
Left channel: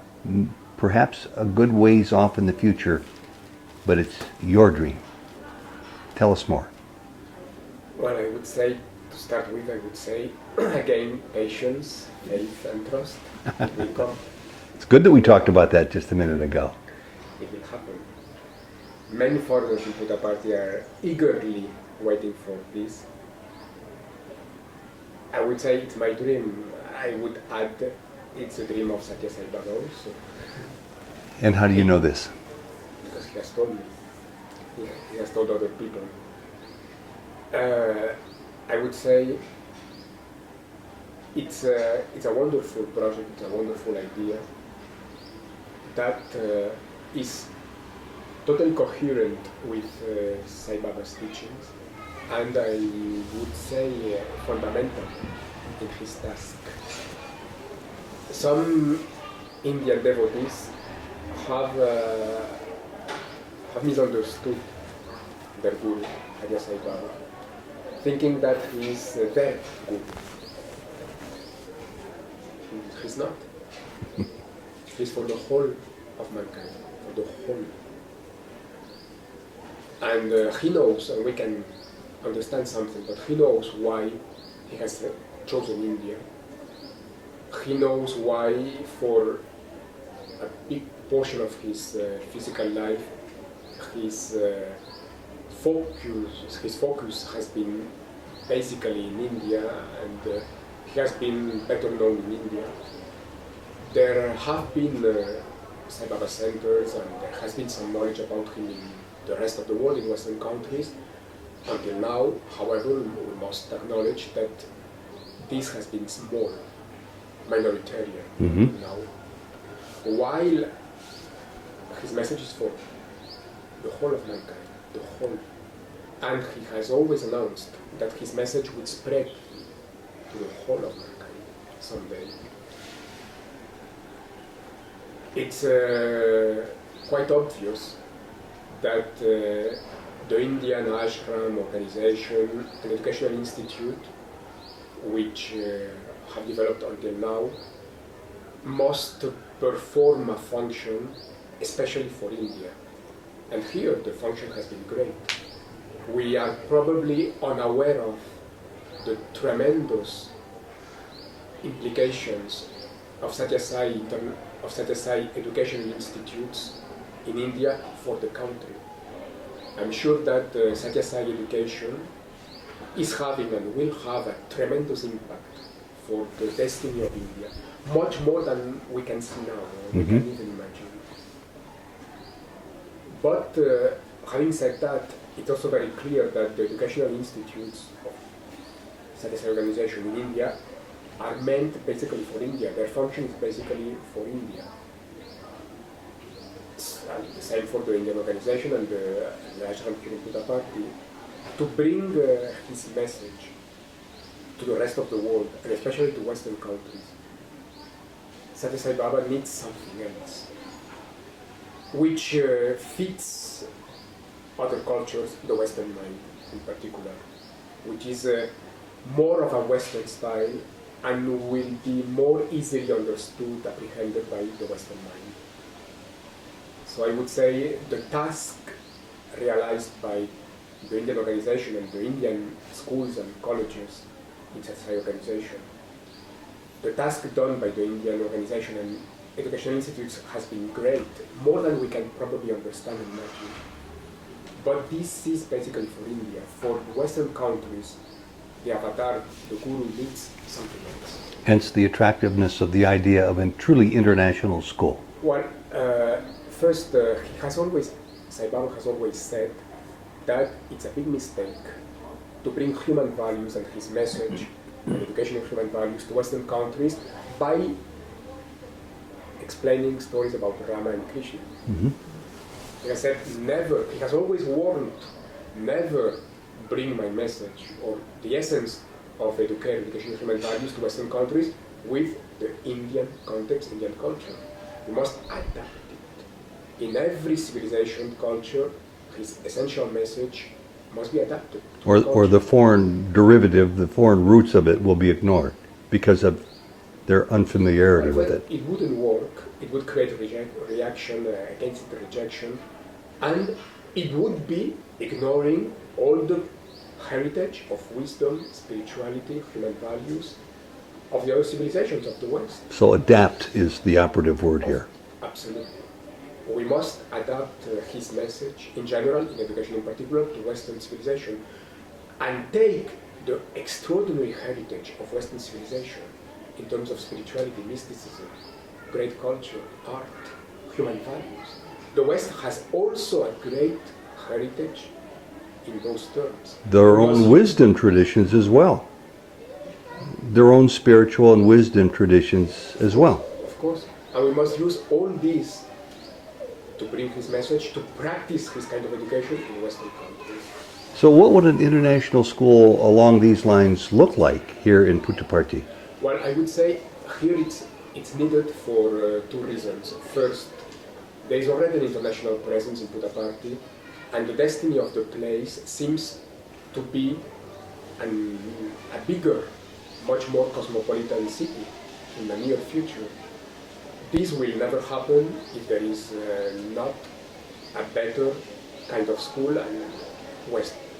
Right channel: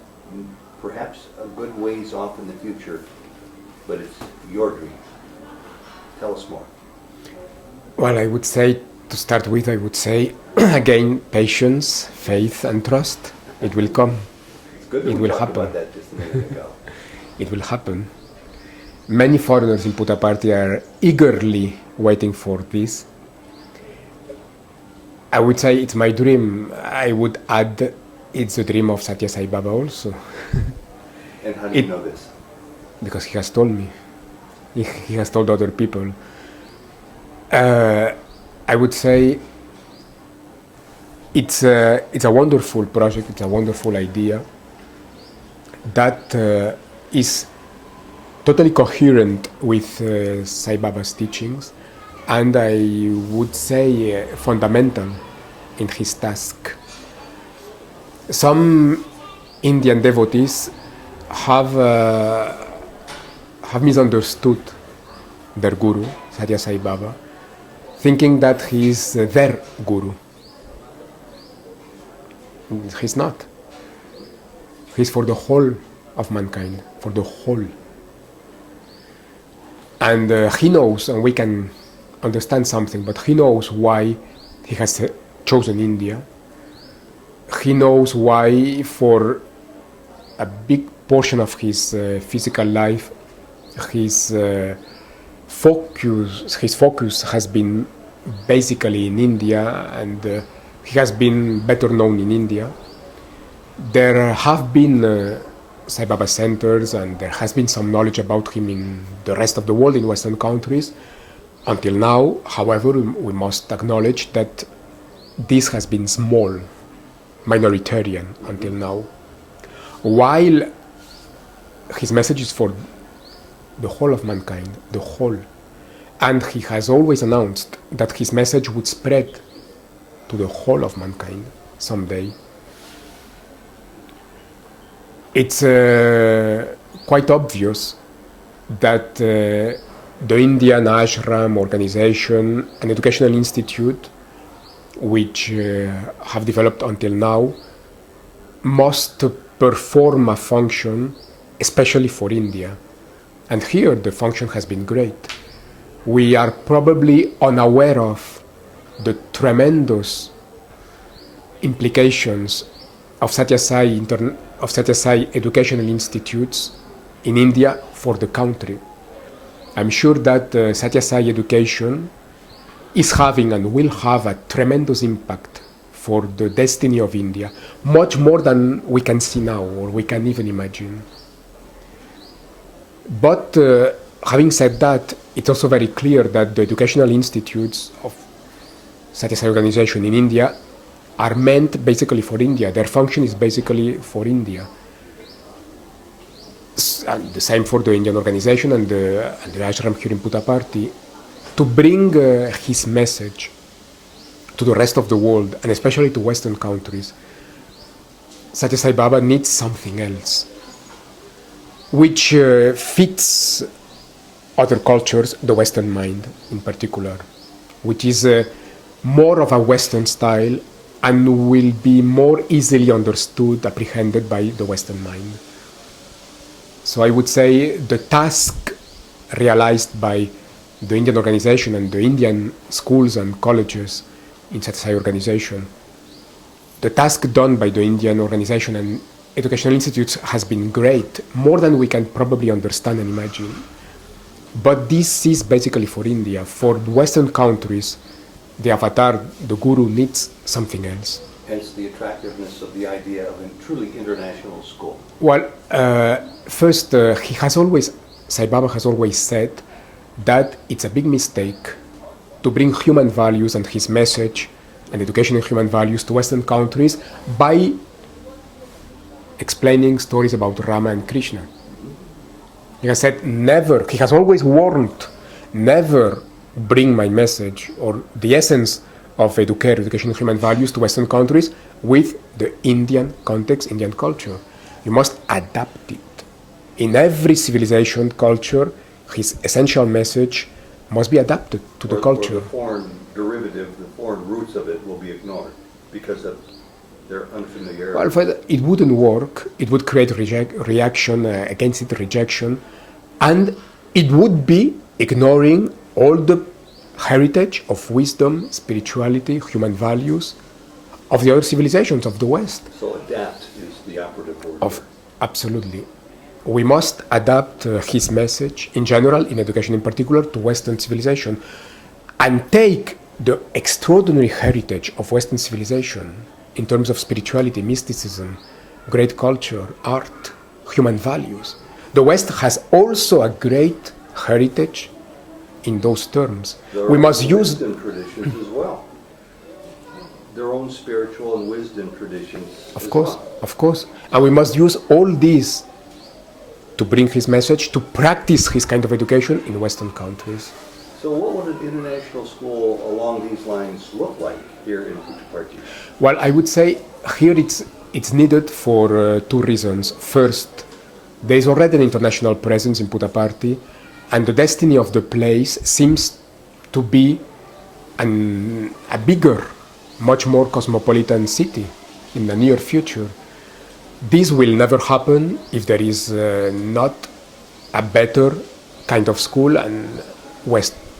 perhaps a good ways off in the future, but it's your dream. Tell us more. Well, I would say, to start with, I would say, again, patience, faith, and trust. It will come. It's good that It we will talked happen. about that just a minute ago. It will happen. Many foreigners in Puttaparthi are eagerly waiting for this. I would say it's my dream. I would add it's the dream of Satya Sai Baba also, And how do you know this? because he has told me. He has told other people. I would say it's a wonderful project, it's a wonderful idea that is totally coherent with Sai Baba's teachings, and I would say fundamental in his task. Some Indian devotees have misunderstood their guru, Satya Sai Baba, thinking that he is their guru. He's not. He's for the whole of mankind, for the whole. And he knows, and we can understand something, but he knows why he has chosen India. He knows why, for a big portion of his physical life, his focus has been basically in India, and he has been better known in India. There have been Sai Baba centers, and there has been some knowledge about him in the rest of the world, in Western countries. Until now, however, we must acknowledge that this has been small, minoritarian until now. While his message is for the whole of mankind, the whole. And he has always announced that his message would spread to the whole of mankind someday. It's quite obvious that the Indian Ashram organization and educational institute, which have developed until now, must perform a function especially for India. And here the function has been great. We are probably unaware of the tremendous implications of Satya Sai educational institutes in India for the country. I'm sure that Satya Sai education is having and will have a tremendous impact for the destiny of India, much more than we can see now or we can even imagine. But having said that, it's also very clear that the educational institutes of Satya Sai organization in India are meant basically for India. Their function is basically for India. And the same for the Indian organization and the ashram here in Puttaparthi, to bring his message to the rest of the world, and especially to Western countries. Satya Sai Baba needs something else, which fits other cultures, the Western mind in particular, which is more of a Western style and will be more easily understood, apprehended by the Western mind. So I would say the task realized by the Indian organization and the Indian schools and colleges in Satya Sai organization, the task done by the Indian organization and educational institutes has been great, more than we can probably understand and imagine. But this is basically for India. For Western countries, the avatar, the guru, needs something else. Hence the attractiveness of the idea of a truly international school. Well, first, Sai Baba has always said that it's a big mistake to bring human values and his message and education in human values to Western countries by explaining stories about Rama and Krishna. He has said never, he has always warned, never bring my message or the essence of education and human values to Western countries with the Indian context, Indian culture. You must adapt it. In every civilization culture, his essential message must be adapted to the culture. Or the foreign derivative, the foreign roots of it will be ignored because of their unfamiliarity. Well, it wouldn't work. It would create reaction against it, rejection, and it would be ignoring all the heritage of wisdom, spirituality, human values of the other civilizations of the West. So adapt is the operative word here. Absolutely. We must adapt his message in general, in education in particular, to Western civilization and take the extraordinary heritage of Western civilization in terms of spirituality, mysticism, great culture, art, human values. The West has also a great heritage in those terms. Their own wisdom traditions as well. Their own spiritual and wisdom traditions as well. Of course. And we must use all these to bring his message, to practice his kind of education in Western countries. So what would an international school along these lines look like here in Puttaparthi? Well, I would say here it's needed for two reasons. First, there is already an international presence in Puttaparthi, and the destiny of the place seems to be a bigger, much more cosmopolitan city in the near future. This will never happen if there is not a better kind of school and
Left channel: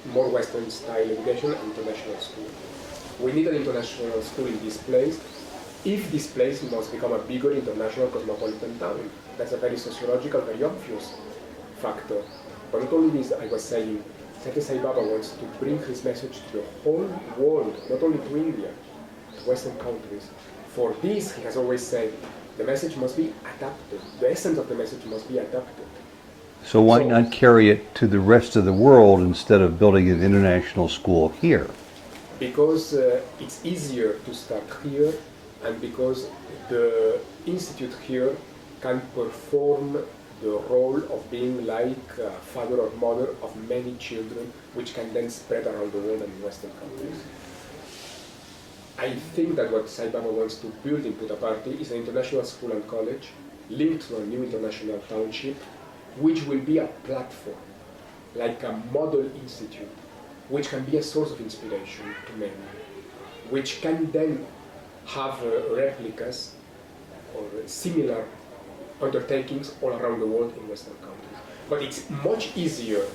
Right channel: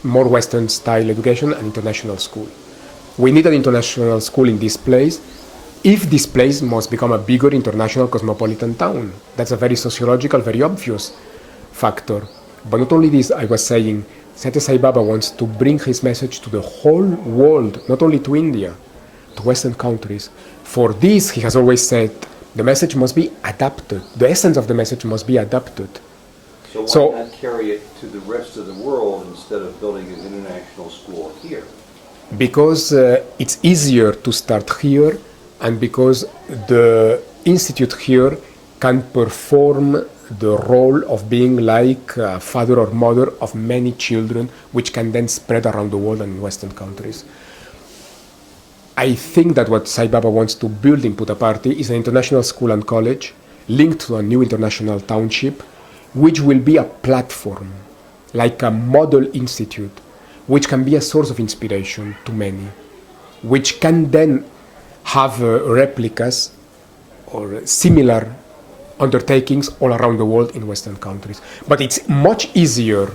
more Western style education and international school. We need an international school in this place if this place must become a bigger international cosmopolitan town. That's a very sociological, very obvious factor. But not only this, I was saying, Satya Sai Baba wants to bring his message to the whole world, not only to India, to Western countries. For this, he has always said, the message must be adapted. The essence of the message must be adapted. So why not carry it to the rest of the world instead of building an international school here? Because it's easier to start here, and because the institute here can perform the role of being like a father or mother of many children, which can then spread around the world and in Western countries. I think that what Sai Baba wants to build in Puttaparthi is an international school and college linked to a new international township, which will be a platform, like a model institute, which can be a source of inspiration to many, which can then have replicas or similar undertakings all around the world in Western countries. But it's much easier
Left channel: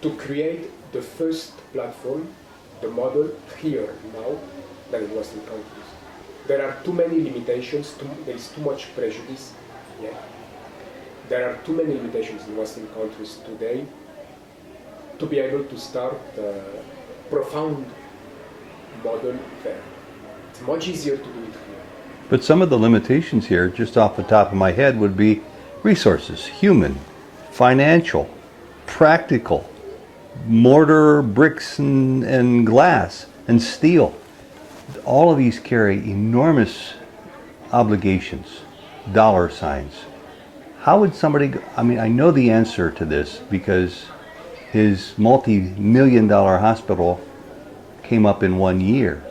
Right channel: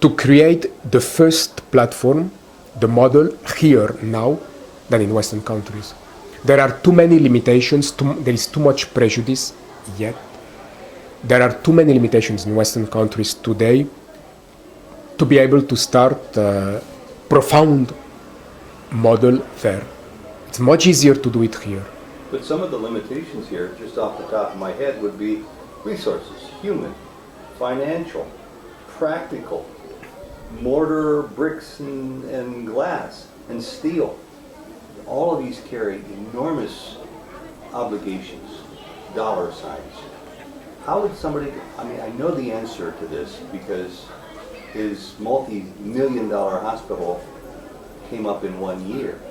to create the first platform, the model, here now, than in Western countries. There are too many limitations, there is too much prejudice yet. There are too many limitations in Western countries today to be able to start a profound model there. It's much easier to do it here. But some of the limitations here, just off the top of my head, would be resources, human, financial, practical, mortar, bricks, and glass, and steel. All of these carry enormous obligations, dollar signs. How would somebody, I know the answer to this because his multi-million-dollar hospital came up in 1 year,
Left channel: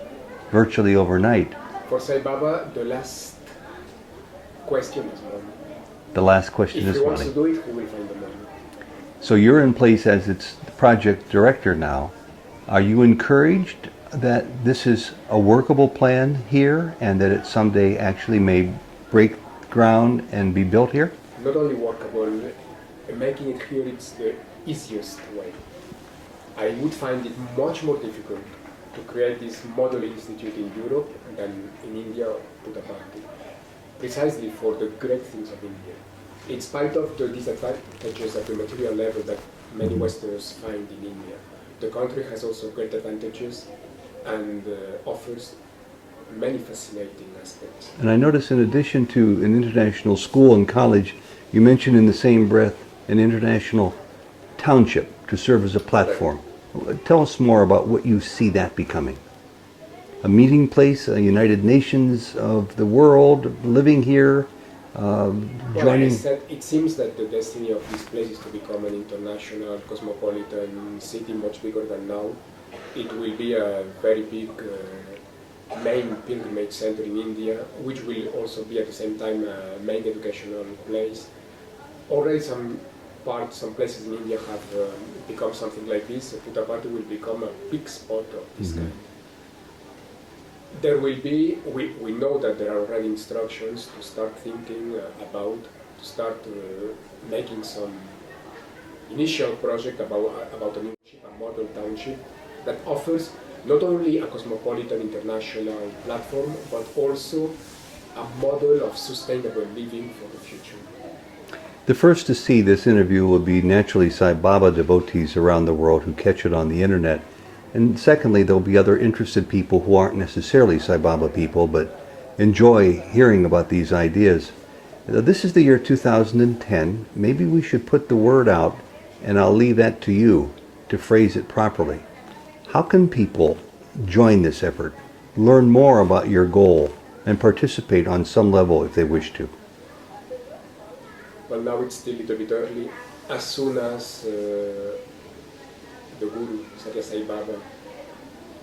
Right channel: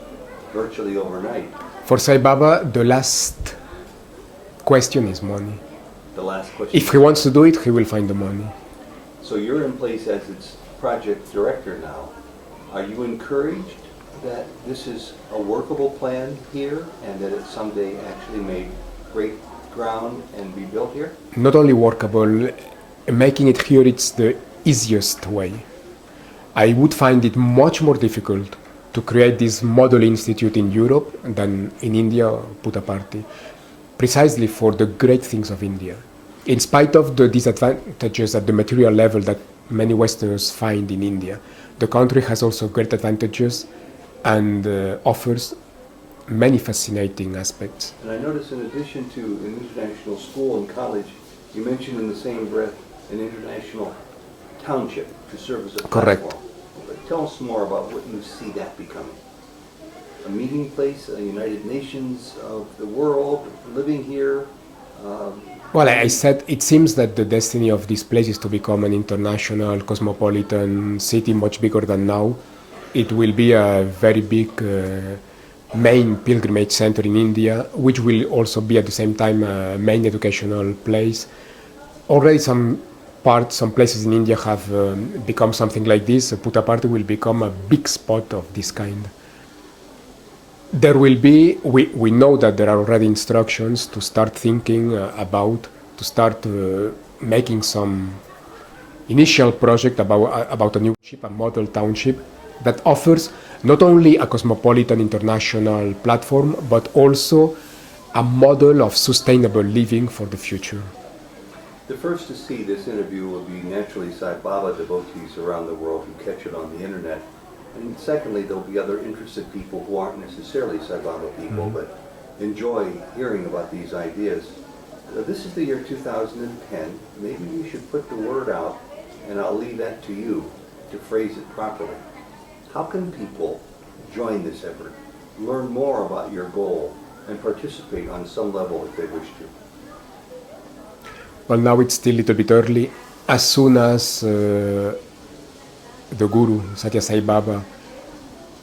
virtually overnight. For Sai Baba, the last question is money. The last question If he wants to do it, he will find the money. So you're in place as its project director now. Are you encouraged that this is a workable plan here and that it someday actually may break ground and be built here? Not only workable, making it here, it's the easiest way. I would find it much more difficult to create this model institute in Europe than in India or Puttaparthi, precisely for the great things of India. In spite of the disadvantages at the material level that many Westerners find in India, the country has also great advantages and offers many fascinating aspects. And I notice in addition to an international school and college, you mentioned in the same breath an international township to serve as a platform. Correct. Tell us more about what you see that becoming. A meeting place, a United Nations of the world living here, Well, I said it seems that the destiny of this place is to become an international cosmopolitan city, much bigger than now. It will be a very big main pilgrimage center in India, which will also be at the same time a main educational place. Already some places in India have become something like this. Puttaparthi will become a big spot of this kind. There will be, we know that there are already instructions to start thinking to start making some initial project about a new township, a model township that offers not only a cosmopolitan international platform, but also a model of sustainable living for the future. The first to see this interview will be naturally Sai Baba devotees around the world who catch it on the internet. And secondly, there'll be other interested people who aren't necessarily Sai Baba people, but enjoy hearing about these ideas. This is the year 2010. Maybe we should put the word out, and I'll leave that to you to phrase it properly. How can people join this effort, learn more about your goal, and participate on some level if they wish to? Well, now it's still a little bit early. As soon as the Guru, Satya Sai Baba,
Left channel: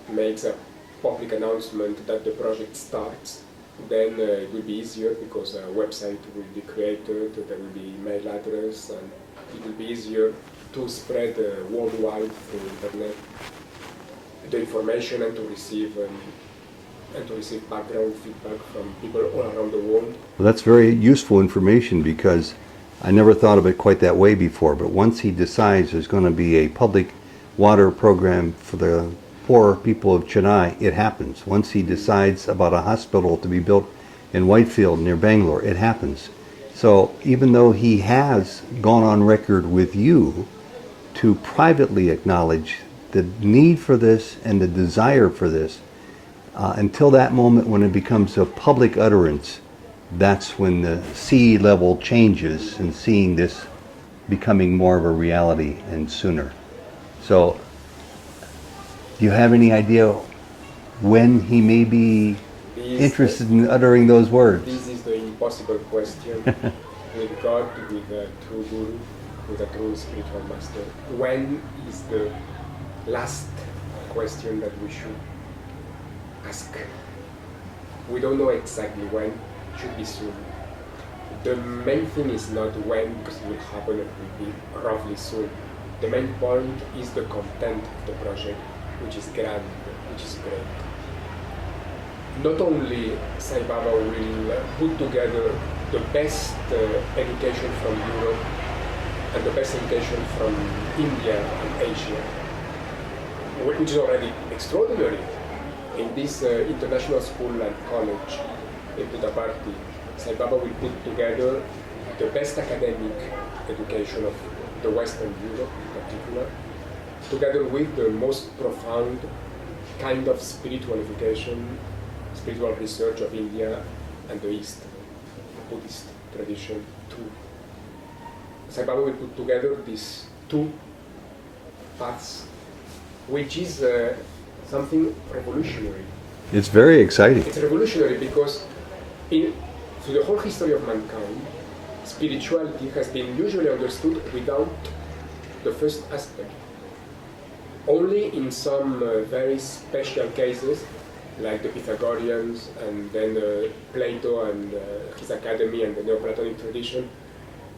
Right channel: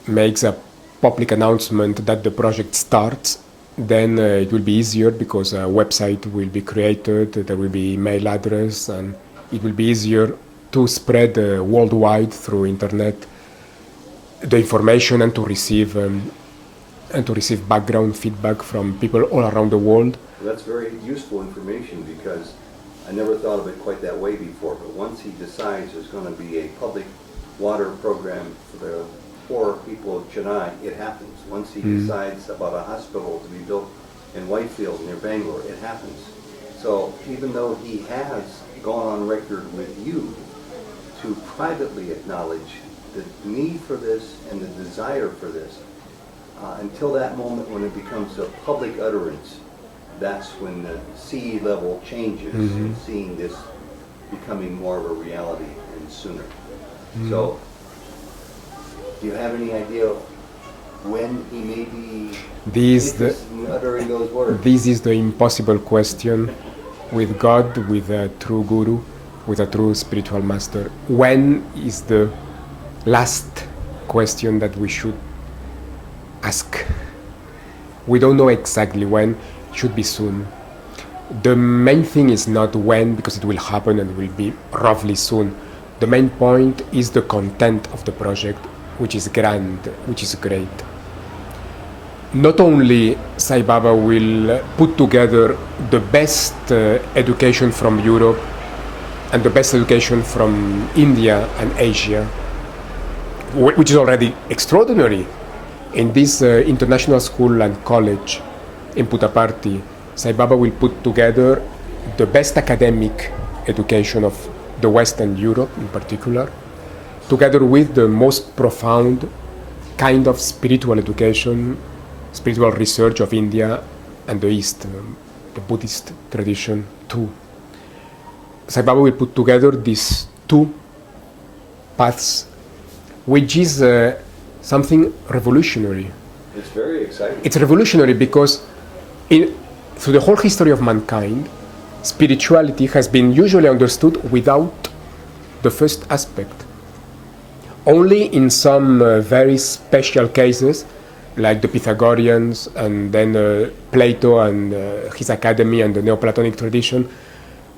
makes a public announcement that the project starts, then it will be easier because a website will be created, there will be email address, and it will be easier to spread worldwide through internet the information and to receive background feedback from people all around the world. Well, that's very useful information because I never thought of it quite that way before, but once he decides there's going to be a public water program for the poor people of Chennai, it happens. Once he decides about a hospital to be built in Whitefield near Bangalore, it happens. So even though he has gone on record with you to privately acknowledge the need for this and the desire for this, until that moment when it becomes a public utterance, that's when the sea level changes and seeing this becoming more of a reality and sooner. So, do you have any idea when he may be interested in uttering those words? This is the impossible question with God, with a true guru, with a true spiritual master. When is the last question that we should ask? We don't know exactly when. It should be soon. The main thing is not when, because it will happen and will be roughly soon. The main point is the content of the project, which is grand, which is great. Not only Sai Baba will put together the best education from Europe and the best education from India and Asia, which is already extraordinary. In this international school and college in Puttaparthi, Sai Baba will put together the best academic education of the Western Europe in particular, together with the most profound kind of spiritual education, spiritual research of India and the East, the Buddhist tradition too. Sai Baba will put together these two paths, which is something revolutionary. It's very exciting. It's revolutionary because through the whole history of mankind, spirituality has been usually understood without the first aspect. Only in some very special cases, like the Pythagoreans and then Plato and his academy and the Neoplatonic tradition,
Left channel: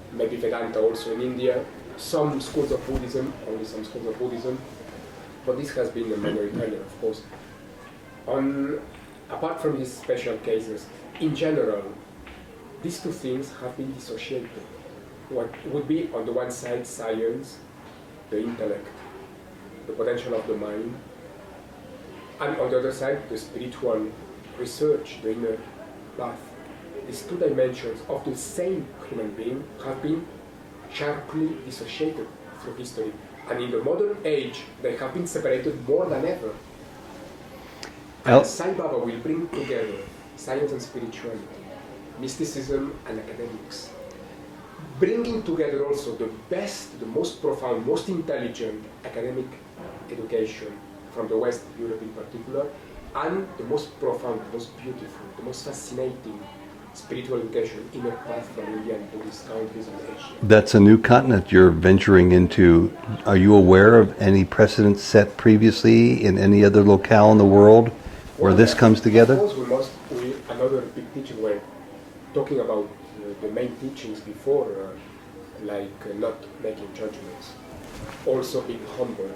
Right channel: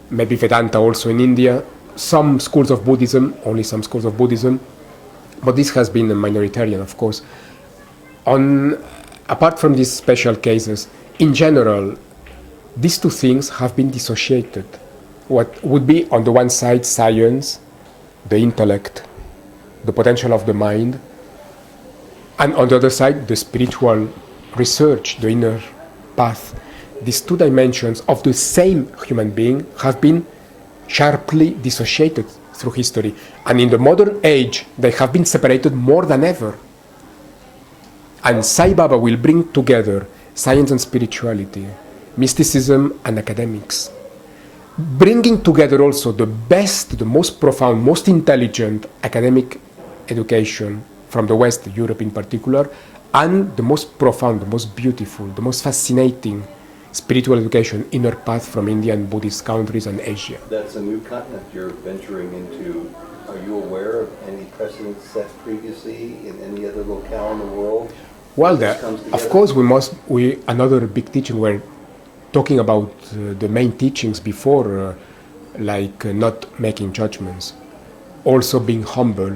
maybe Vedanta also in India, some schools of Buddhism, only some schools of Buddhism, but this has been minoritarian, of course. Apart from these special cases, in general, these two things have been dissociated. What would be, on the one side, science, the intellect, the potential of the mind, and on the other side, the spiritual research, the inner path. These two dimensions of the same human being have been sharply dissociated through history. And in the modern age, they have been separated more than ever. And Sai Baba will bring together science and spirituality, mysticism and academics, bringing together also the best, the most profound, most intelligent academic education from the West, Europe in particular, and the most profound, the most beautiful, the most fascinating spiritual education, inner path from Indian Buddhist countries and Asia. That's a new continent you're venturing into. Are you aware of any precedents set previously in any other locale in the world where this comes together? Of course, another big teaching, we're talking about the main teachings before, not making judgments, also being humble.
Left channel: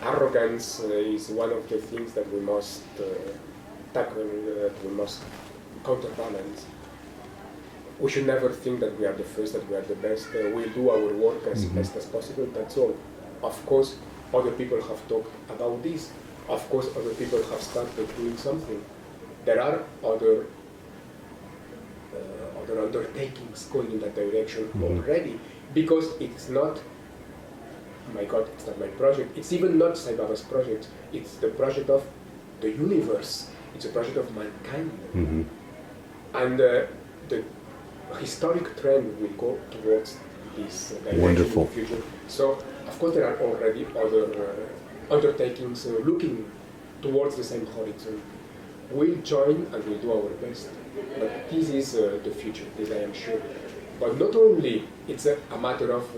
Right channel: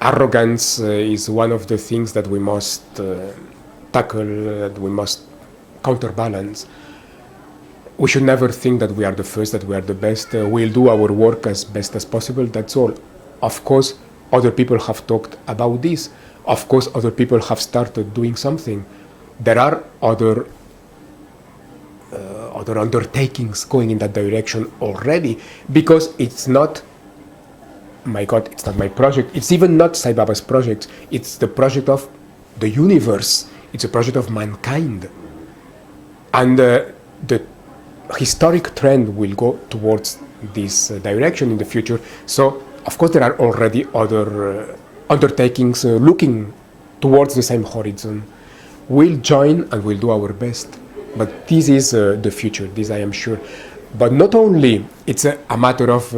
Arrogance is one of the things that we must tackle, that we must counterbalance. We should never think that we are the first, that we are the best. We'll do our work as best as possible, that's all. Of course, other people have talked about this. Of course, other people have started doing something. There are other undertakings going in that direction already, because it's not, my God, it's not my project. It's even not Sai Baba's project. It's the project of the universe. It's a project of mankind. Mm-hmm. And the historic trend will go towards this direction in the future. So, of course, there are already other undertakings looking towards the same horizon. We'll join and we'll do our best. But this is the future, this I am sure. But not only it's a matter of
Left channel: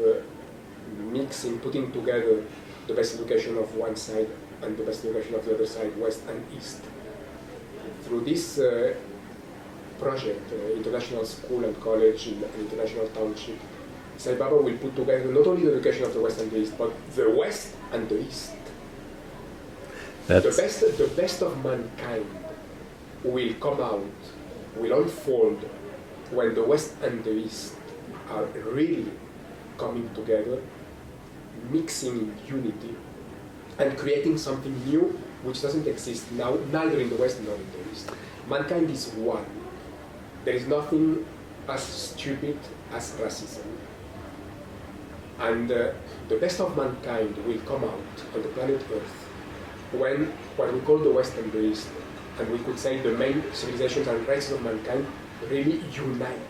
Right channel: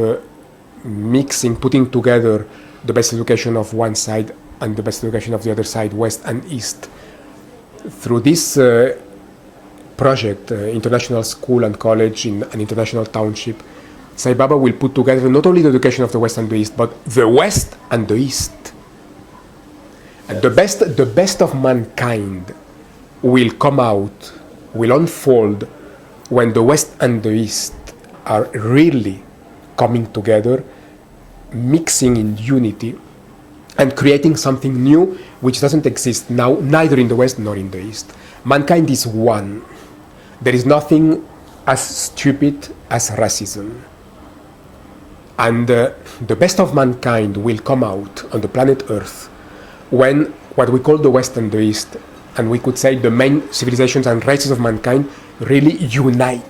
mixing, putting together the best education of one side and the best education of the other side, West and East. Through this project, International School and College in an international township, Sai Baba will put together not only the education of the West and the East, but the West and the East. And the best of mankind will come out, will unfold when the West and the East are really coming together, mixing in unity, and creating something new which doesn't exist now, neither in the West nor in the East. Mankind is one. There is nothing as stupid as racism. And the best of mankind will come out on the planet Earth when what we call the West and the East, and we could say the main civilizations and races of mankind, really unite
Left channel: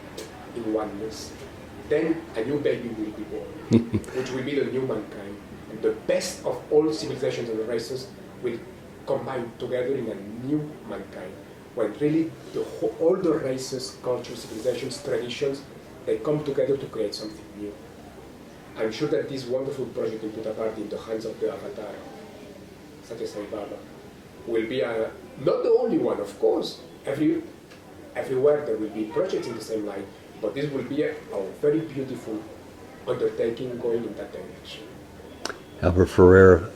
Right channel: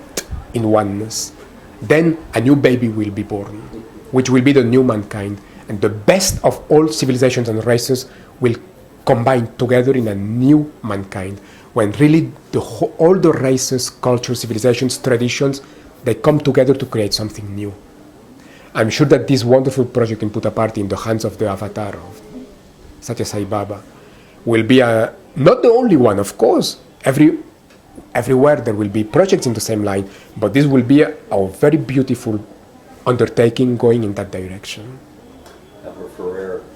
in oneness. Then a new baby will be born, which will be the new mankind. And the best of all civilizations and races will combine together in a new mankind, when really all the races, cultures, civilizations, traditions, they come together to create something new. I'm sure that this wonderful project in Puttaparthi, in the hands of the avatar of Satya Sai Baba, will be not the only one, of course. Everywhere there will be projects in the same line, but this will be a very beautiful undertaking going in that direction. Alber Ferrer,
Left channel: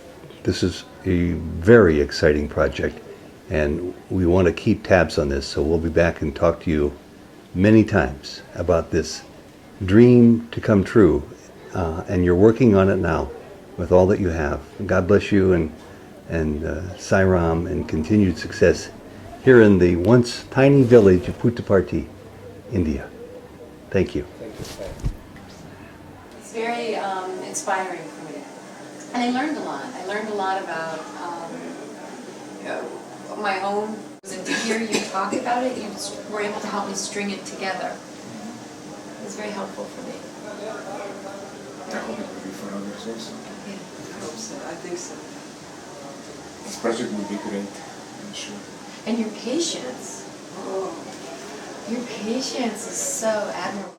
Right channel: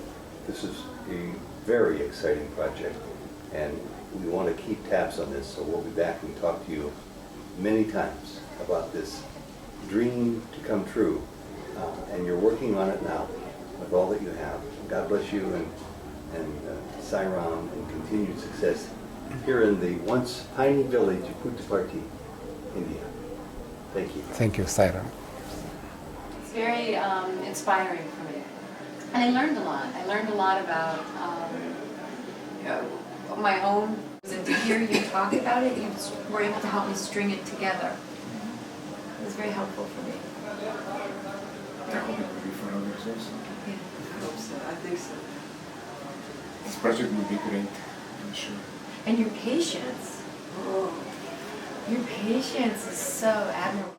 this is a very exciting project, and we want to keep tabs on this, so we'll be back and talk to you many times about this dream to come true, and you're working on it now with all that you have. God bless you, and Sairam, and continued success here in the once tiny village of Puttaparthi, India. Thank you. Thank you, Sairam. It's very inspiring for me. And I learned a lot. I learned a lot about my own. And to hear you talk about it, you were able to help me string it together. It was very helpful for me. I hope it will be for others also. Yeah, I hope so. I think so. This project will be great, I'm sure. And your patience. Oh, your patience is so admirable.